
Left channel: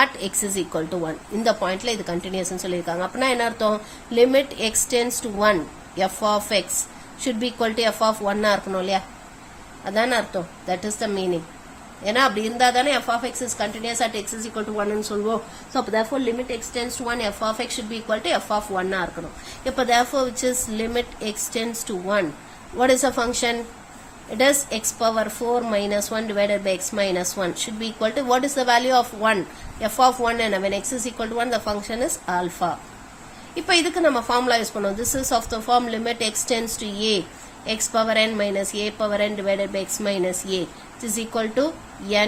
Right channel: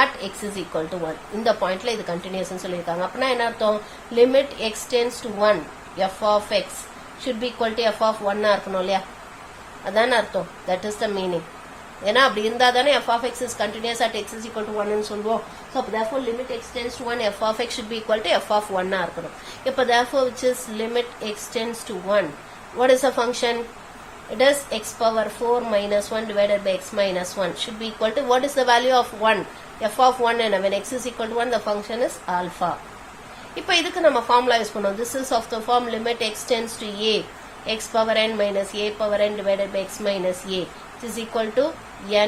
at x is equal to 1. இந்த பாயிண்ட்ல இது continuous ன்னு சொல்லிருக்காங்க. அப்பனா என்ன அர்த்தம், limit x tends to 1 f of x should be equal to f of 1 இருக்கணும் இல்லையா, அதான் அர்த்தம். that is the meaning. ஏன்னா அப்படி இருந்தா தானே f of x is continuous at x is equal to 1 ன்னு சொல்வோம். so therefore limit x tends to 1 f of x should be equal to f of 1 இருக்கணும். இப்போ therefore which is limit x tends to 1, what is the function, it is x power 4 minus 1 divided by x minus 1 should be equal to, what is the value of 1, f of 1, and when x is equal to 1 the function is alpha. இப்போ இதுக்கு நம்ம ஃபார்முலா யூஸ் பண்ணோம். this is of the form limit x tends to a x power n minus a power n divided by x minus a which is equal to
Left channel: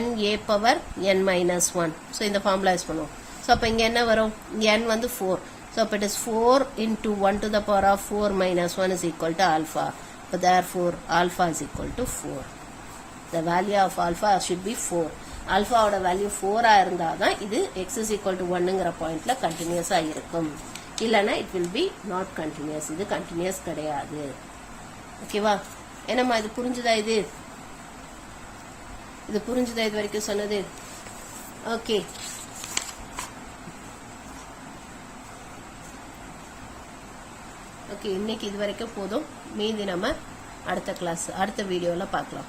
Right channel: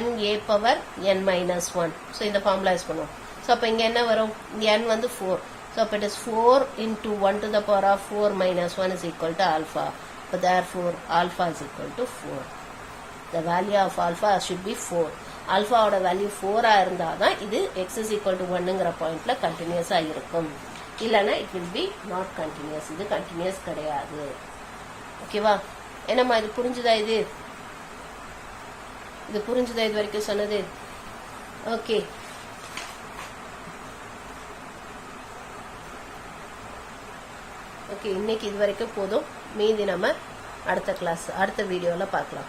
n a power n minus 1. so இந்த ஃபார்முலா யூஸ் பண்ணுவோம். so அப்ப இங்க என்ன வரும், n வந்து 4. so அப்ப it is 4 into 1 to the power of 4 minus 1 is equal to alpha. so therefore alpha is equal to 4. the value of alpha should be 4. alpha ஓட வேல்யூ 4 இருந்தாதான் இது x is equal to 1ங்கற பாயிண்ட்ல கண்டினியூஸா இருக்கும். இல்லனா it will be not continuous. இது continuous கிடையாது. ஓகேவா? என்னம்மா இது புரிஞ்சுதா? இது புரிஞ்சுதா இது வரைக்கும் சொன்னது? ஓகே. ஓகே, இன்னைக்கு இது வரைக்கும் போதும். மீதி நம்ம அடுத்த வீடியோல பார்க்கலாம்.